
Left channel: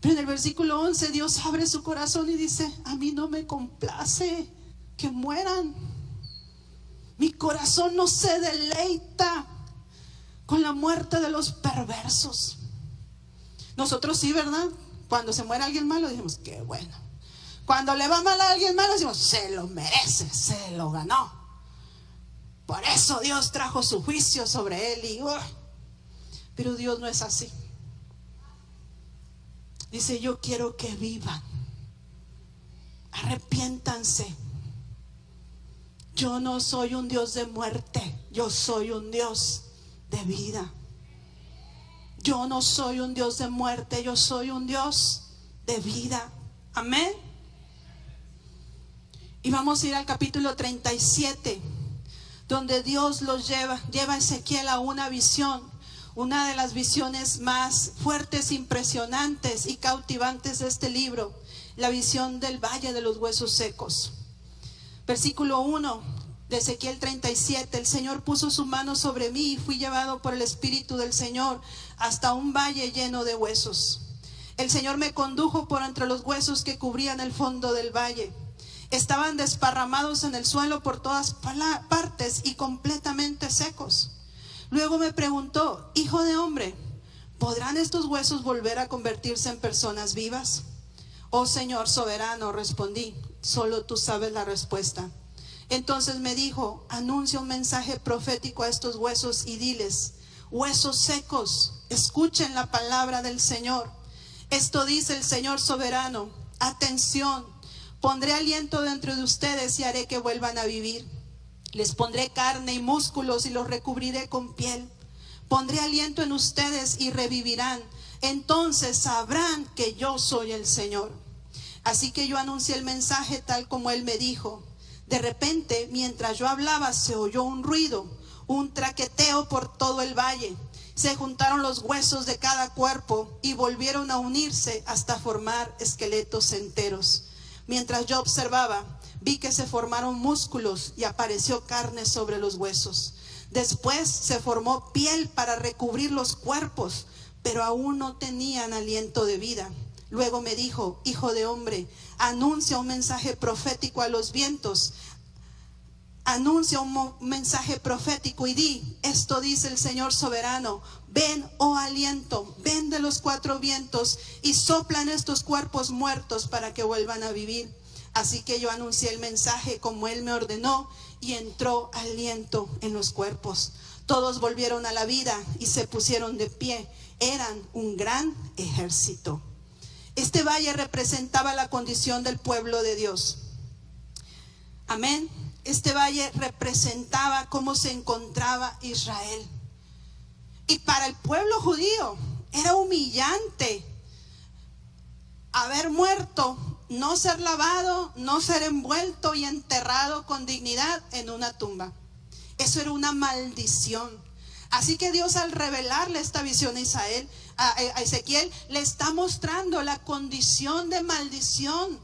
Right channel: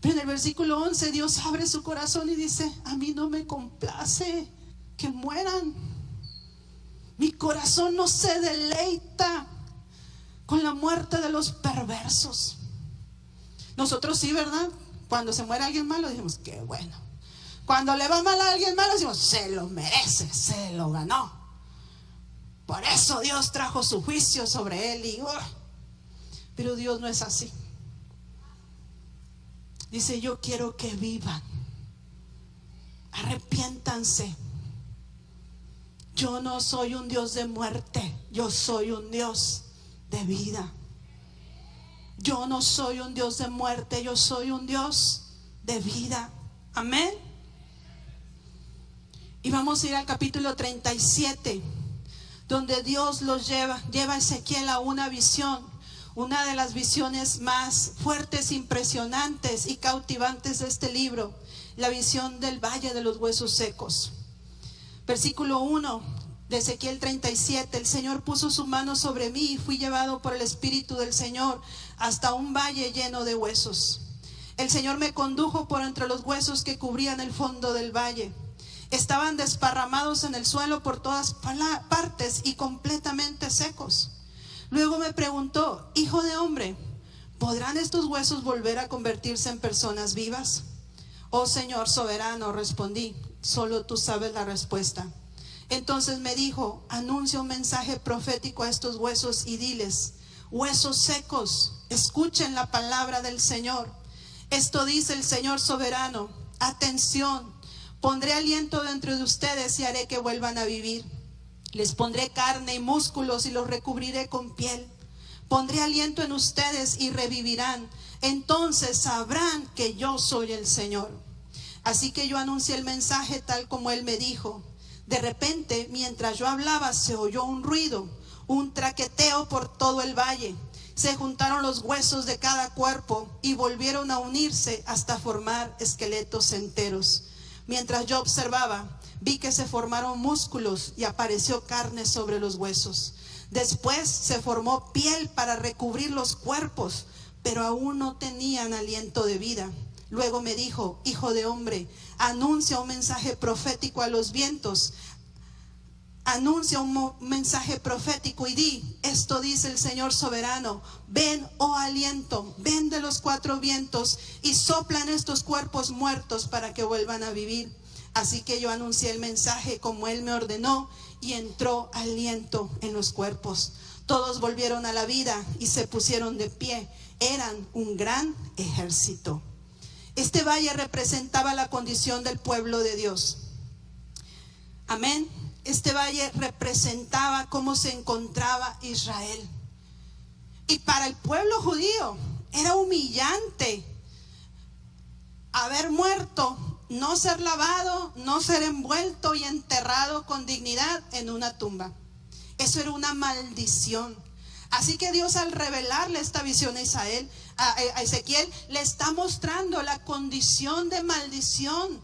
Pero en el versículo 11 Dios abre su corazón y dice, a mí no me complace que mueran. Mi corazón no se deleita con la muerte de los perversos. Nosotros sí, ¿verdad? Cuando se muere alguien malo decimos, qué bueno. Cuando le va mal a alguien malo decimos, se lo merece, se lo ganó. Por eso Dios trajo su juicio sobre él. Pero Dios no es así. Dice, yo quiero que vivan. Arrepiéntanse. Yo no soy un Dios de muerte, yo soy un Dios de vida. Yo no soy un Dios de muerte, yo soy un Dios de vida. Amén. Y vamos a ir al capítulo 37, donde Dios los lleva a Ezequiel a una visión, una de las visiones más fuertes, impresionantes y cautivantes de este libro, la visión del valle de los huesos secos. Versículo 1 de Ezequiel 37, el Señor puso su mano sobre mí y fui llevado por el Espíritu del Señor hasta un valle lleno de huesos. El Señor me condujo por entre los huesos que cubrían el fondo del valle. Estaban desparramados en el suelo por todas partes y completamente secos. Luego me preguntó, hijo de hombre, ¿podrán estos huesos volver a convertirse en personas vivas? Oh Señor soberano, respondí, solo tú sabes la respuesta. Entonces me dijo, anuncia un mensaje profético a estos huesos y diles, huesos secos, escuchen la palabra del Señor. Esto dice el Señor soberano, atención, pondré aliento dentro de ustedes y haré que vuelvan a vivir. Les pondré carne y músculos y los recubriré con piel. Pondré aliento en ustedes y revivirán. Entonces sabrán que yo soy el Señor. Así que yo anuncié el mensaje tal como él me dijo. De repente, mientras yo hablaba, se oyó un ruido, un traqueteo por todo el valle. Se juntaron los huesos de cada cuerpo y volvieron a unirse hasta formar esqueletos enteros. Mientras yo observaba, vi que se formaron músculos y apareció carne sobre los huesos. Después se formó piel para recubrir los cuerpos, pero aún no tenían aliento de vida. Luego me dijo, hijo de hombre, anuncia un mensaje profético a los vientos. Anuncia un mensaje profético y di, esto dice el Señor soberano, ven, oh aliento, ven de los cuatro vientos y soplan estos cuerpos muertos para que vuelvan a vivir. Así que yo anuncié el mensaje como él me ordenó y entró aliento en los cuerpos. Todos volvieron a la vida y se pusieron de pie. Eran un gran ejército. Este valle representaba la condición del pueblo de Dios. Amén. Este valle representaba cómo se encontraba Israel. Y para el pueblo judío era humillante haber muerto, no ser lavado, no ser envuelto y enterrado con dignidad en una tumba. Eso era una maldición. Así que Dios, al revelarle esta visión a Ezequiel, le está mostrando la condición de maldición,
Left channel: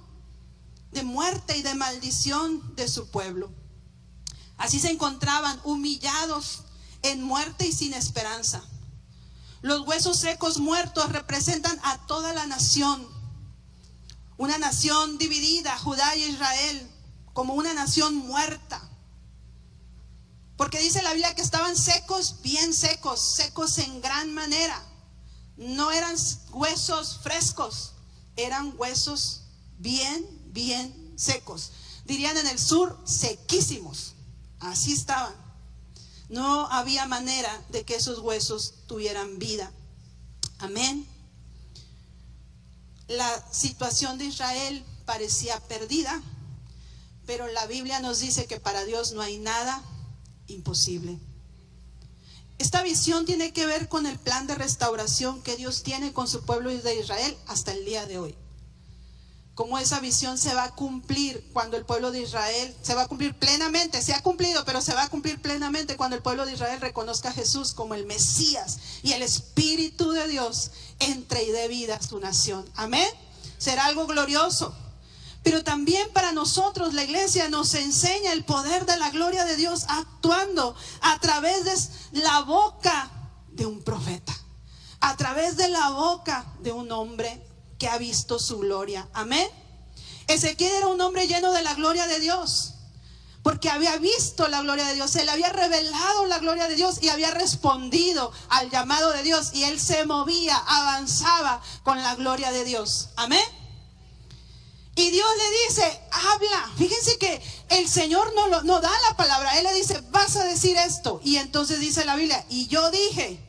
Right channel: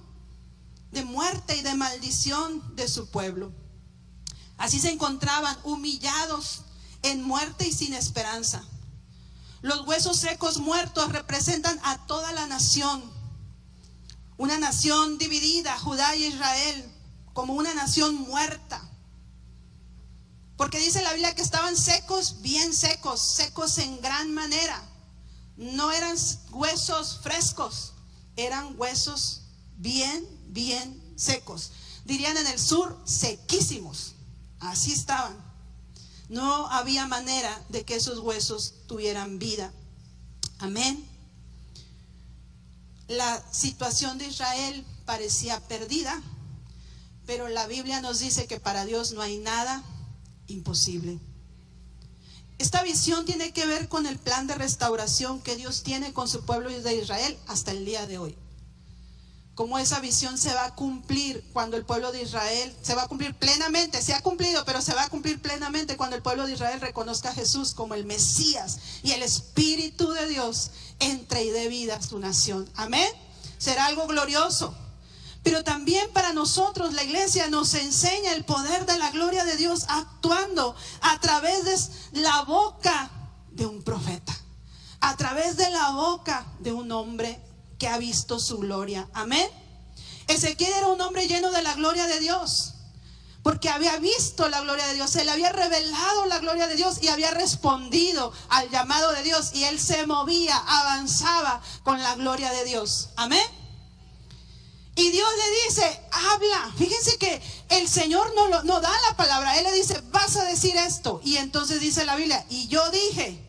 de muerte y de maldición de su pueblo. Así se encontraban humillados en muerte y sin esperanza. Los huesos secos muertos representan a toda la nación. Una nación dividida, Judá y Israel, como una nación muerta. Porque dice la Biblia que estaban secos, bien secos, secos en gran manera. No eran huesos frescos, eran huesos bien secos. Dirían en el sur, sequísimos. Así estaban. No había manera de que esos huesos tuvieran vida. Amén. La situación de Israel parecía perdida, pero la Biblia nos dice que para Dios no hay nada imposible. Esta visión tiene que ver con el plan de restauración que Dios tiene con su pueblo de Israel hasta el día de hoy. Cómo esa visión se va a cumplir cuando el pueblo de Israel, se va a cumplir plenamente, se ha cumplido, pero se va a cumplir plenamente cuando el pueblo de Israel reconozca a Jesús como el Mesías y el Espíritu de Dios entre y dé vida a su nación. Amén. Será algo glorioso. Pero también para nosotros la iglesia nos enseña el poder de la gloria de Dios actuando a través de la boca de un profeta, a través de la boca de un hombre que ha visto su gloria. Amén. Ezequiel era un hombre lleno de la gloria de Dios, porque había visto la gloria de Dios, se le había revelado la gloria de Dios y había respondido al llamado de Dios, y él se movía, avanzaba con la gloria de Dios. Amén. Y Dios le dice, habla. Fíjense que el Señor no da la palabra. Él le dice, vas a decir esto. Y entonces dice la Biblia, y yo dije,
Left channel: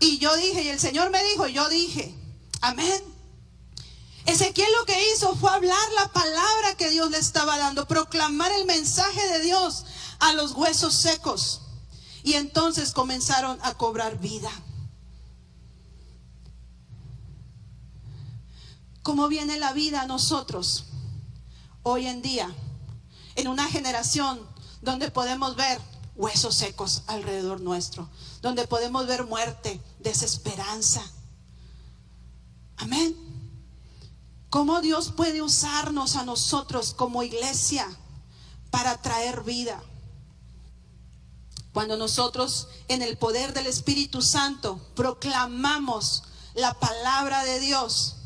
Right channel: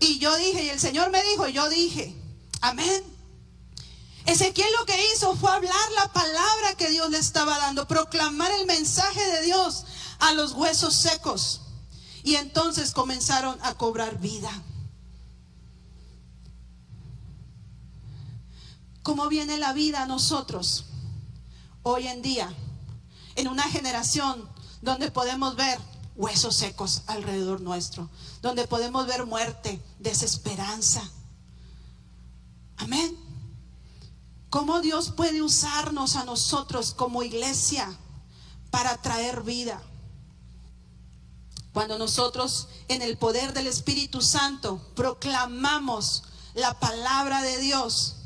y el Señor me dijo, y yo dije. Amén. Ezequiel lo que hizo fue hablar la palabra que Dios le estaba dando, proclamar el mensaje de Dios a los huesos secos. Y entonces comenzaron a cobrar vida. ¿Cómo viene la vida a nosotros hoy en día? En una generación donde podemos ver huesos secos alrededor nuestro, donde podemos ver muerte, desesperanza. Amén. ¿Cómo Dios puede usarnos a nosotros como iglesia para traer vida? Cuando nosotros en el poder del Espíritu Santo proclamamos la palabra de Dios,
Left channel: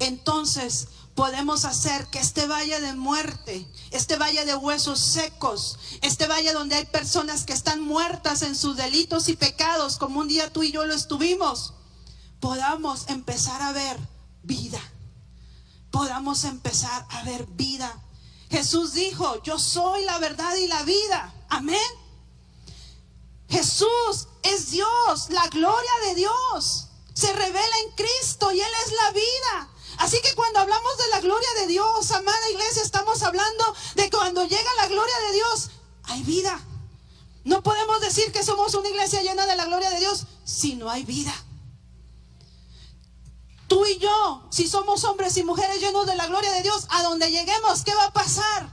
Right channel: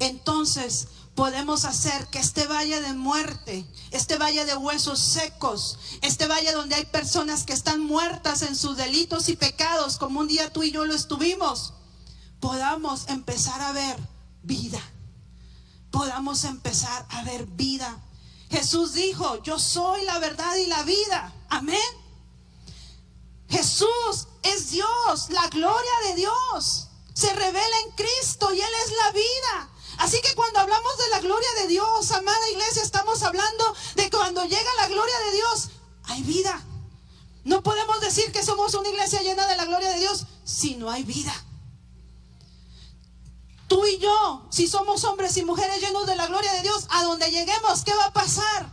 entonces podemos hacer que este valle de muerte, este valle de huesos secos, este valle donde hay personas que están muertas en sus delitos y pecados, como un día tú y yo lo estuvimos, podamos empezar a ver vida. Podamos empezar a ver vida. Jesús dijo, yo soy la verdad y la vida. Amén. Jesús es Dios, la gloria de Dios se revela en Cristo y Él es la vida. Así que cuando hablamos de la gloria de Dios, amada iglesia, estamos hablando de que cuando llega la gloria de Dios, hay vida. No podemos decir que somos una iglesia llena de la gloria de Dios si no hay vida. Tú y yo, si somos hombres y mujeres llenos de la gloria de Dios, a donde lleguemos, ¿qué va a pasar?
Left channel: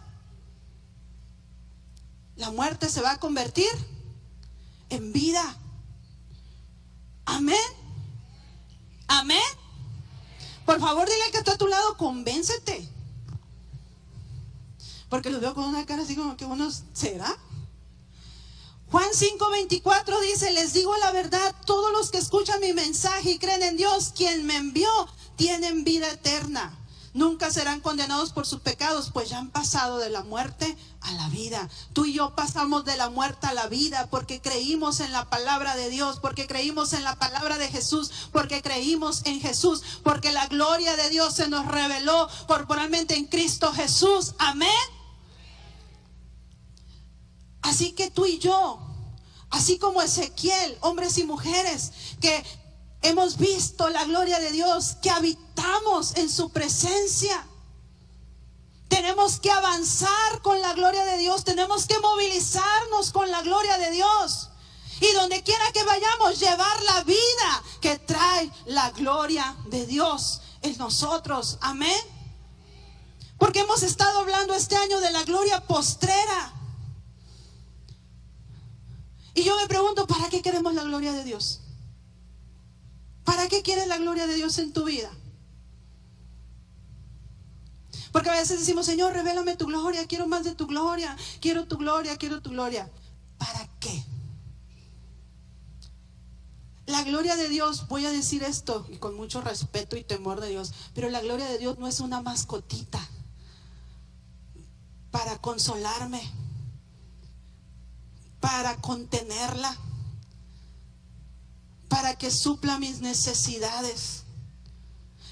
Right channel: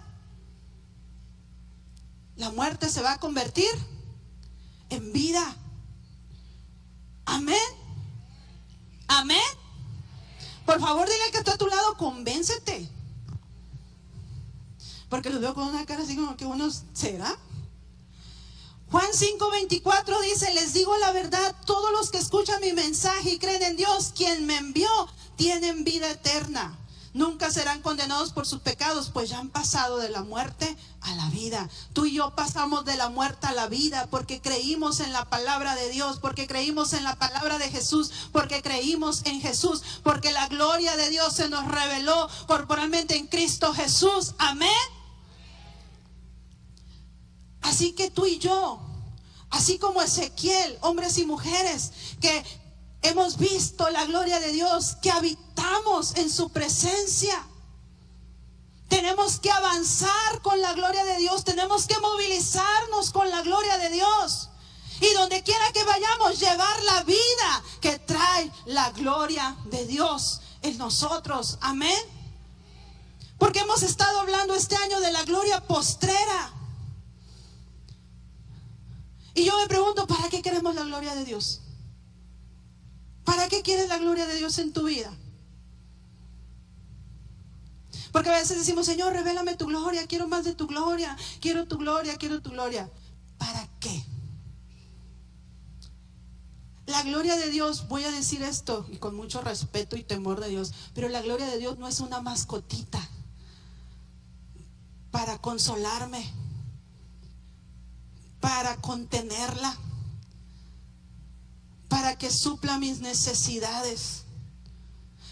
La muerte se va a convertir en vida. Amén. Amén. Por favor, dile al que está a tu lado, convéncete. Porque los veo con una cara así como que uno, ¿será? Juan 5:24 dice, les digo la verdad, todos los que escuchan mi mensaje y creen en Dios, quien me envió, tienen vida eterna. Nunca serán condenados por sus pecados, pues ya han pasado de la muerte a la vida. Tú y yo pasamos de la muerte a la vida porque creímos en la palabra de Dios, porque creímos en la palabra de Jesús, porque creímos en Jesús, porque la gloria de Dios se nos reveló corporalmente en Cristo Jesús. Amén. Así que tú y yo, así como Ezequiel, hombres y mujeres que hemos visto la gloria de Dios, que habitamos en su presencia, tenemos que avanzar con la gloria de Dios, tenemos que movilizarnos con la gloria de Dios. Y donde quiera que vayamos, llevar la vida que trae la gloria de Dios en nosotros. Amén. Porque hemos estado hablando este año de la gloria postrera. Y yo me pregunto, ¿para qué queremos la gloria de Dios? ¿Para qué quieres la gloria de Dios en tu vida? Porque a veces decimos, Señor, revélame tu gloria, quiero más de tu gloria, quiero tu gloria, quiero tu gloria. ¿Para qué? La gloria de Dios, voy a decir esto y con mucho respeto y temor de Dios, pero la gloria de Dios no es una mascotita para consolarme, para contenerla, para que supla mis necesidades.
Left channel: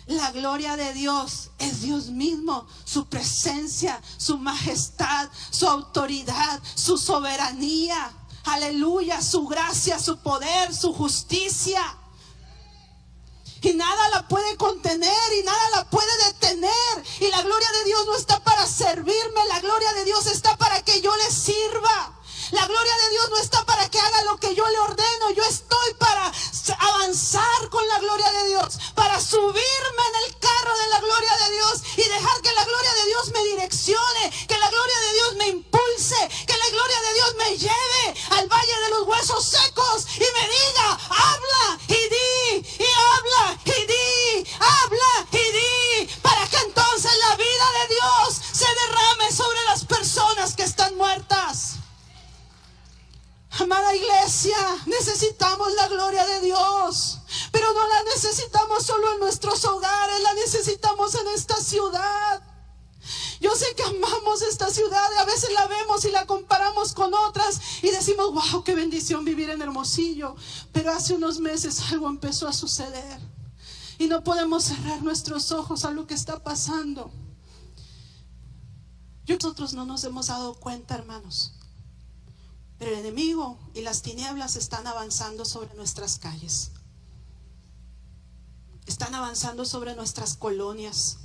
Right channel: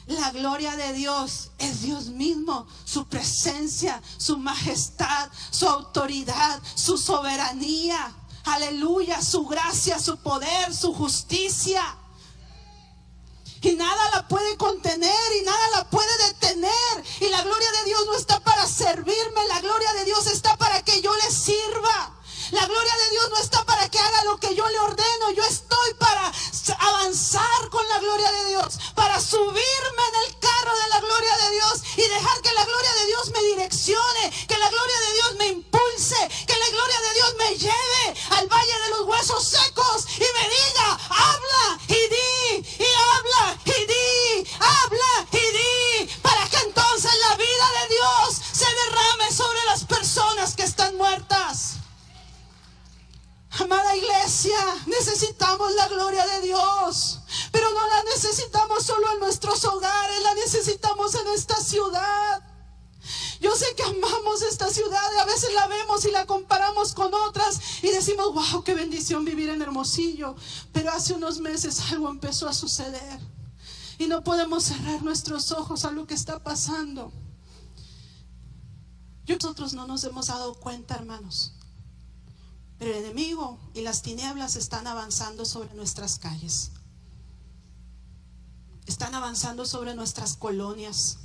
La gloria de Dios es Dios mismo, su presencia, su majestad, su autoridad, su soberanía. Aleluya, su gracia, su poder, su justicia. Y nada la puede contener y nada la puede detener. Y la gloria de Dios no está para servirme, la gloria de Dios está para que yo le sirva. La gloria de Dios no está para que haga lo que yo le ordeno. Yo estoy para avanzar con la gloria de Dios, para subirme en el carro de la gloria de Dios y dejar que la gloria de Dios me direccione, que la gloria de Dios me impulse, que la gloria de Dios me lleve al valle de los huesos secos y me diga: habla y di, y habla y di, habla y di, para que entonces la vida de Dios se derrame sobre las personas que están muertas. Amada iglesia, necesitamos la gloria de Dios, pero no la necesitamos solo en nuestros hogares, la necesitamos en esta ciudad. Yo sé que amamos esta ciudad y a veces la vemos y la comparamos con otras y decimos: wow, qué bendición vivir en Hermosillo. Pero hace unos meses algo empezó a suceder y no podemos cerrar nuestros ojos a lo que está pasando. Nosotros no nos hemos dado cuenta, hermanos, pero el enemigo y las tinieblas están avanzando sobre nuestras calles. Están avanzando sobre nuestras colonias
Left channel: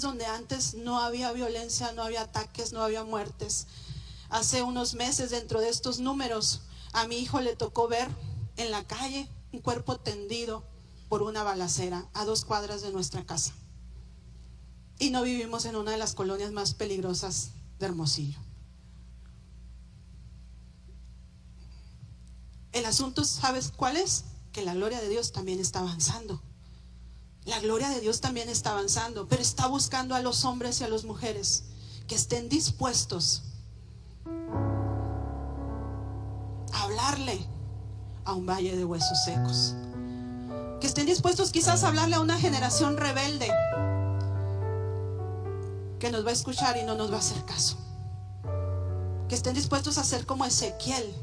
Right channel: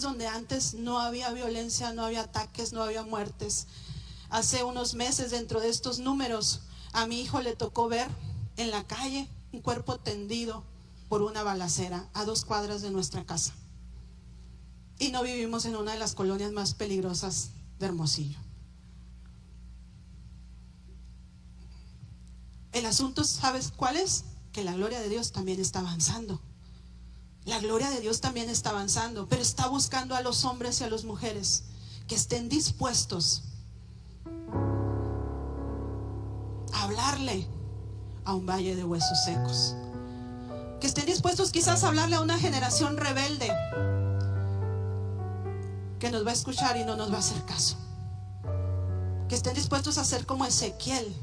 donde antes no había violencia, no había ataques, no había muertes. Hace unos meses, dentro de estos números, a mi hijo le tocó ver en la calle un cuerpo tendido por una balacera a 2 cuadras de nuestra casa. Y no vivimos en una de las colonias más peligrosas de Hermosillo. El asunto, ¿sabes cuál es? Que la gloria de Dios también está avanzando. La gloria de Dios también está avanzando, pero está buscando a los hombres y a las mujeres que estén dispuestos a hablarle a un valle de huesos secos. Que estén dispuestos quizás a hablarle a una generación rebelde que nos va a escuchar y no nos va a hacer caso. Que estén dispuestos a ser como Ezequiel,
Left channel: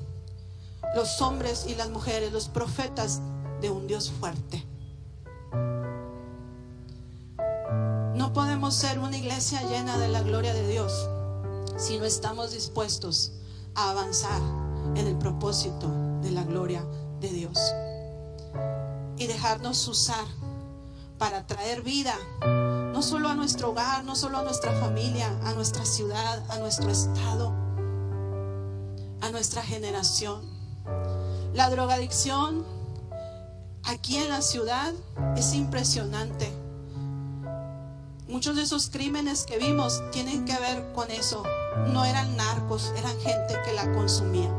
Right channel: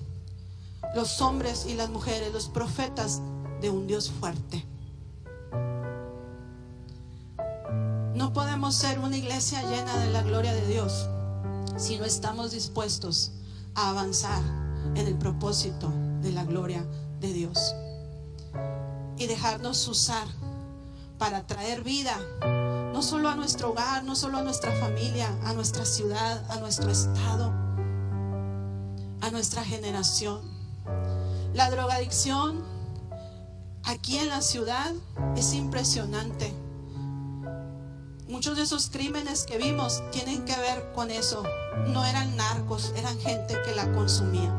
los hombres y las mujeres, los profetas de un Dios fuerte. No podemos ser una iglesia llena de la gloria de Dios si no estamos dispuestos a avanzar en el propósito de la gloria de Dios y dejarnos usar para traer vida, no solo a nuestro hogar, no solo a nuestra familia, a nuestra ciudad, a nuestro estado, a nuestra generación. La drogadicción aquí en la ciudad es impresionante. Muchos de esos crímenes que vimos tienen que ver con eso. No eran narcos, eran gente que la consumía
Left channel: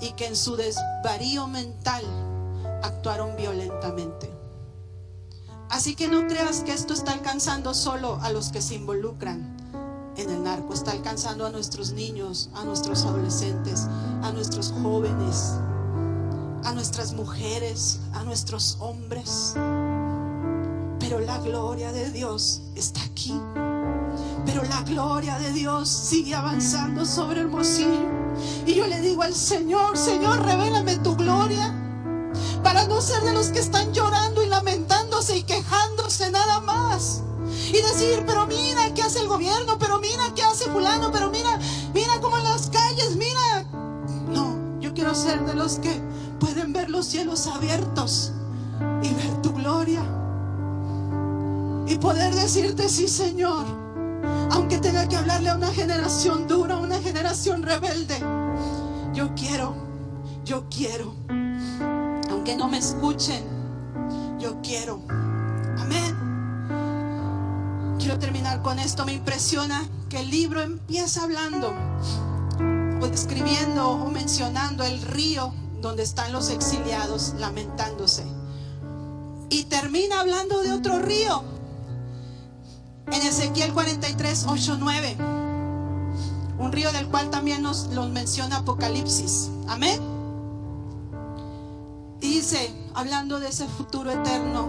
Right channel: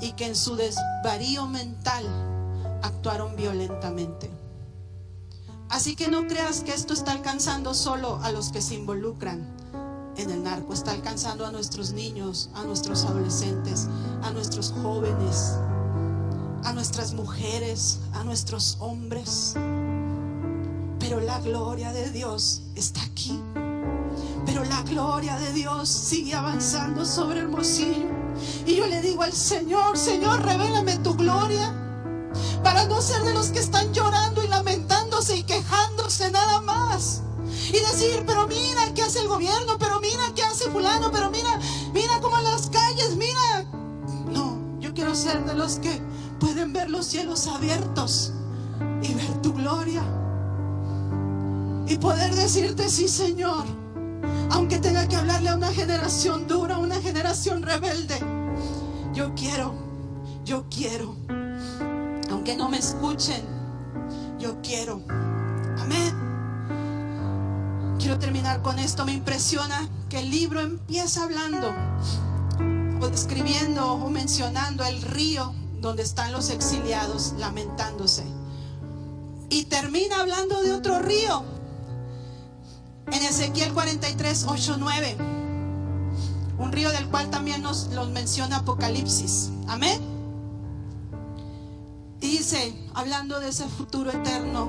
y que en su desvarío mental actuaron violentamente. Así que no creas que esto está alcanzando solo a los que se involucran en el narco. Está alcanzando a nuestros niños, a nuestros adolescentes, a nuestros jóvenes, a nuestras mujeres, a nuestros hombres. Pero la gloria de Dios está aquí. Pero la gloria de Dios sigue avanzando sobre Hermosillo. Y yo le digo al Señor: Señor, revélame tu gloria, para no ser de los que están llorando y lamentándose y quejándose nada más. Y decir: pero mira qué hace el gobierno, pero mira qué hace fulano, pero mira cómo en las calles, mira. No, yo quiero ser de los que pueden ver los cielos abiertos y ver tu gloria. Y poder decirte: sí, Señor, aunque tenga que hablarle a una generación dura, a una generación rebelde, yo quiero, aunque no me escuchen, yo quiero. Amén. Quiero terminar con esto. Me impresiona que el libro empieza hablando o describiendo o mencionando el río donde están los exiliados lamentándose, y termina hablando de otro río en Ezequiel 43, 8, 9, un río del cual también nos menciona Apocalipsis. Amén. Dice, hablando de ese futuro eterno:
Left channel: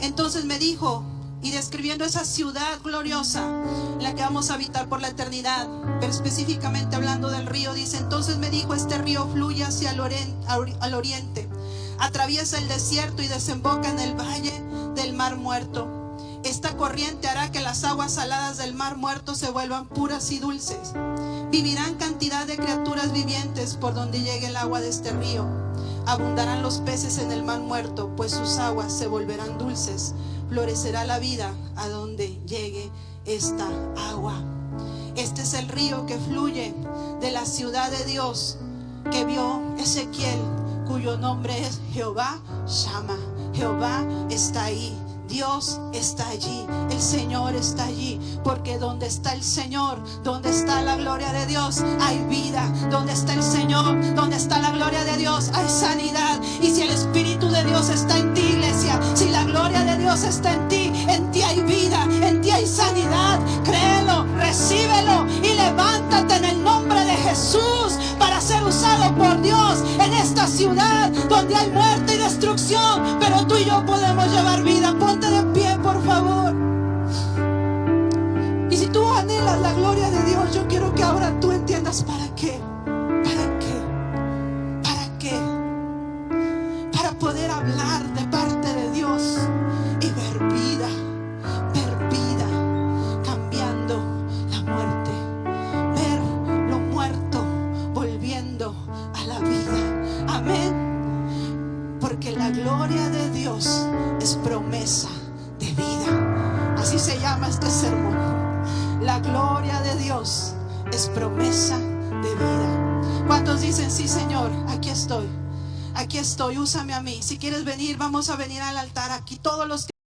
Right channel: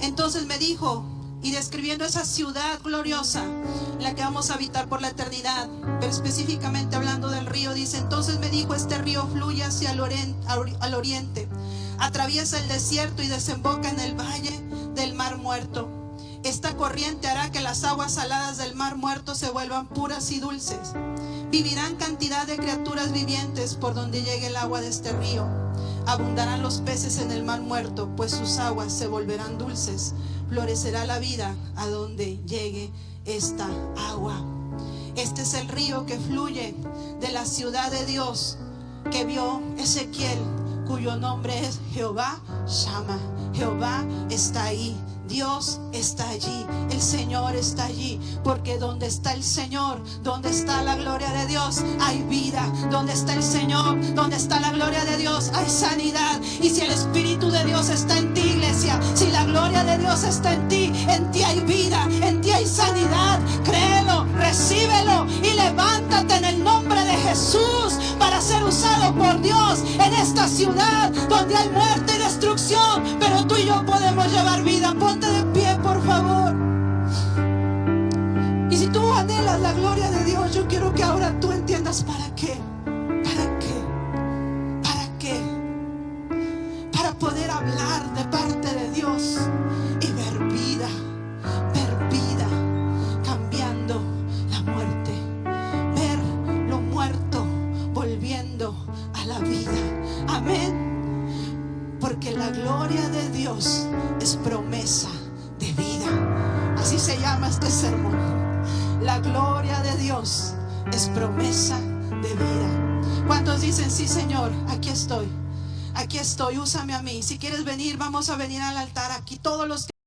entonces me dijo, y describiendo esa ciudad gloriosa en la que vamos a habitar por la eternidad, pero específicamente hablando del río, dice: entonces me dijo, este río fluye hacia el oriente, atraviesa el desierto y desemboca en el valle del Mar Muerto. Esta corriente hará que las aguas saladas del Mar Muerto se vuelvan puras y dulces. Vivirán cantidad de criaturas vivientes por donde llegue el agua de este río. Abundarán los peces en el Mar Muerto, pues sus aguas se volverán dulces. Florecerá la vida a donde llegue esta agua. Este es el río que fluye de la ciudad de Dios que vio Ezequiel, cuyo nombre es Jehová Shama. Jehová está ahí. Dios está allí, el Señor está allí, porque donde está el Señor, donde está la gloria de Dios, hay vida. Donde está el Señor, donde está la gloria de Dios, hay sanidad. Y si el Espíritu de Dios está en ti, iglesia, si la gloria de Dios está en ti hay vida, en ti hay sanidad. Créelo, recíbelo y levántate en el nombre de Jesús para ser usado por Dios en esta ciudad donde hay muerte y destrucción, pero tú y yo podemos llevar vida. Ponte de pie, por favor. Y si tú anhelas la gloria de Dios, yo quiero que ahora tú entiendas para qué. ¿Para qué? ¿Para qué? Para poder hablar de parte de Dios y ver vida, cambiando la muerte, ver lo muerto volviendo a la vida. Amén. Porque la gloria de Dios es promesa de vida. Así se llama este sermón. La gloria de Dios es promesa de vida. ¿Cuántos dicen sí, Señor? Aquí estoy, úsame a mí. Si quieres venir, vamos a venir al altar aquí todos los que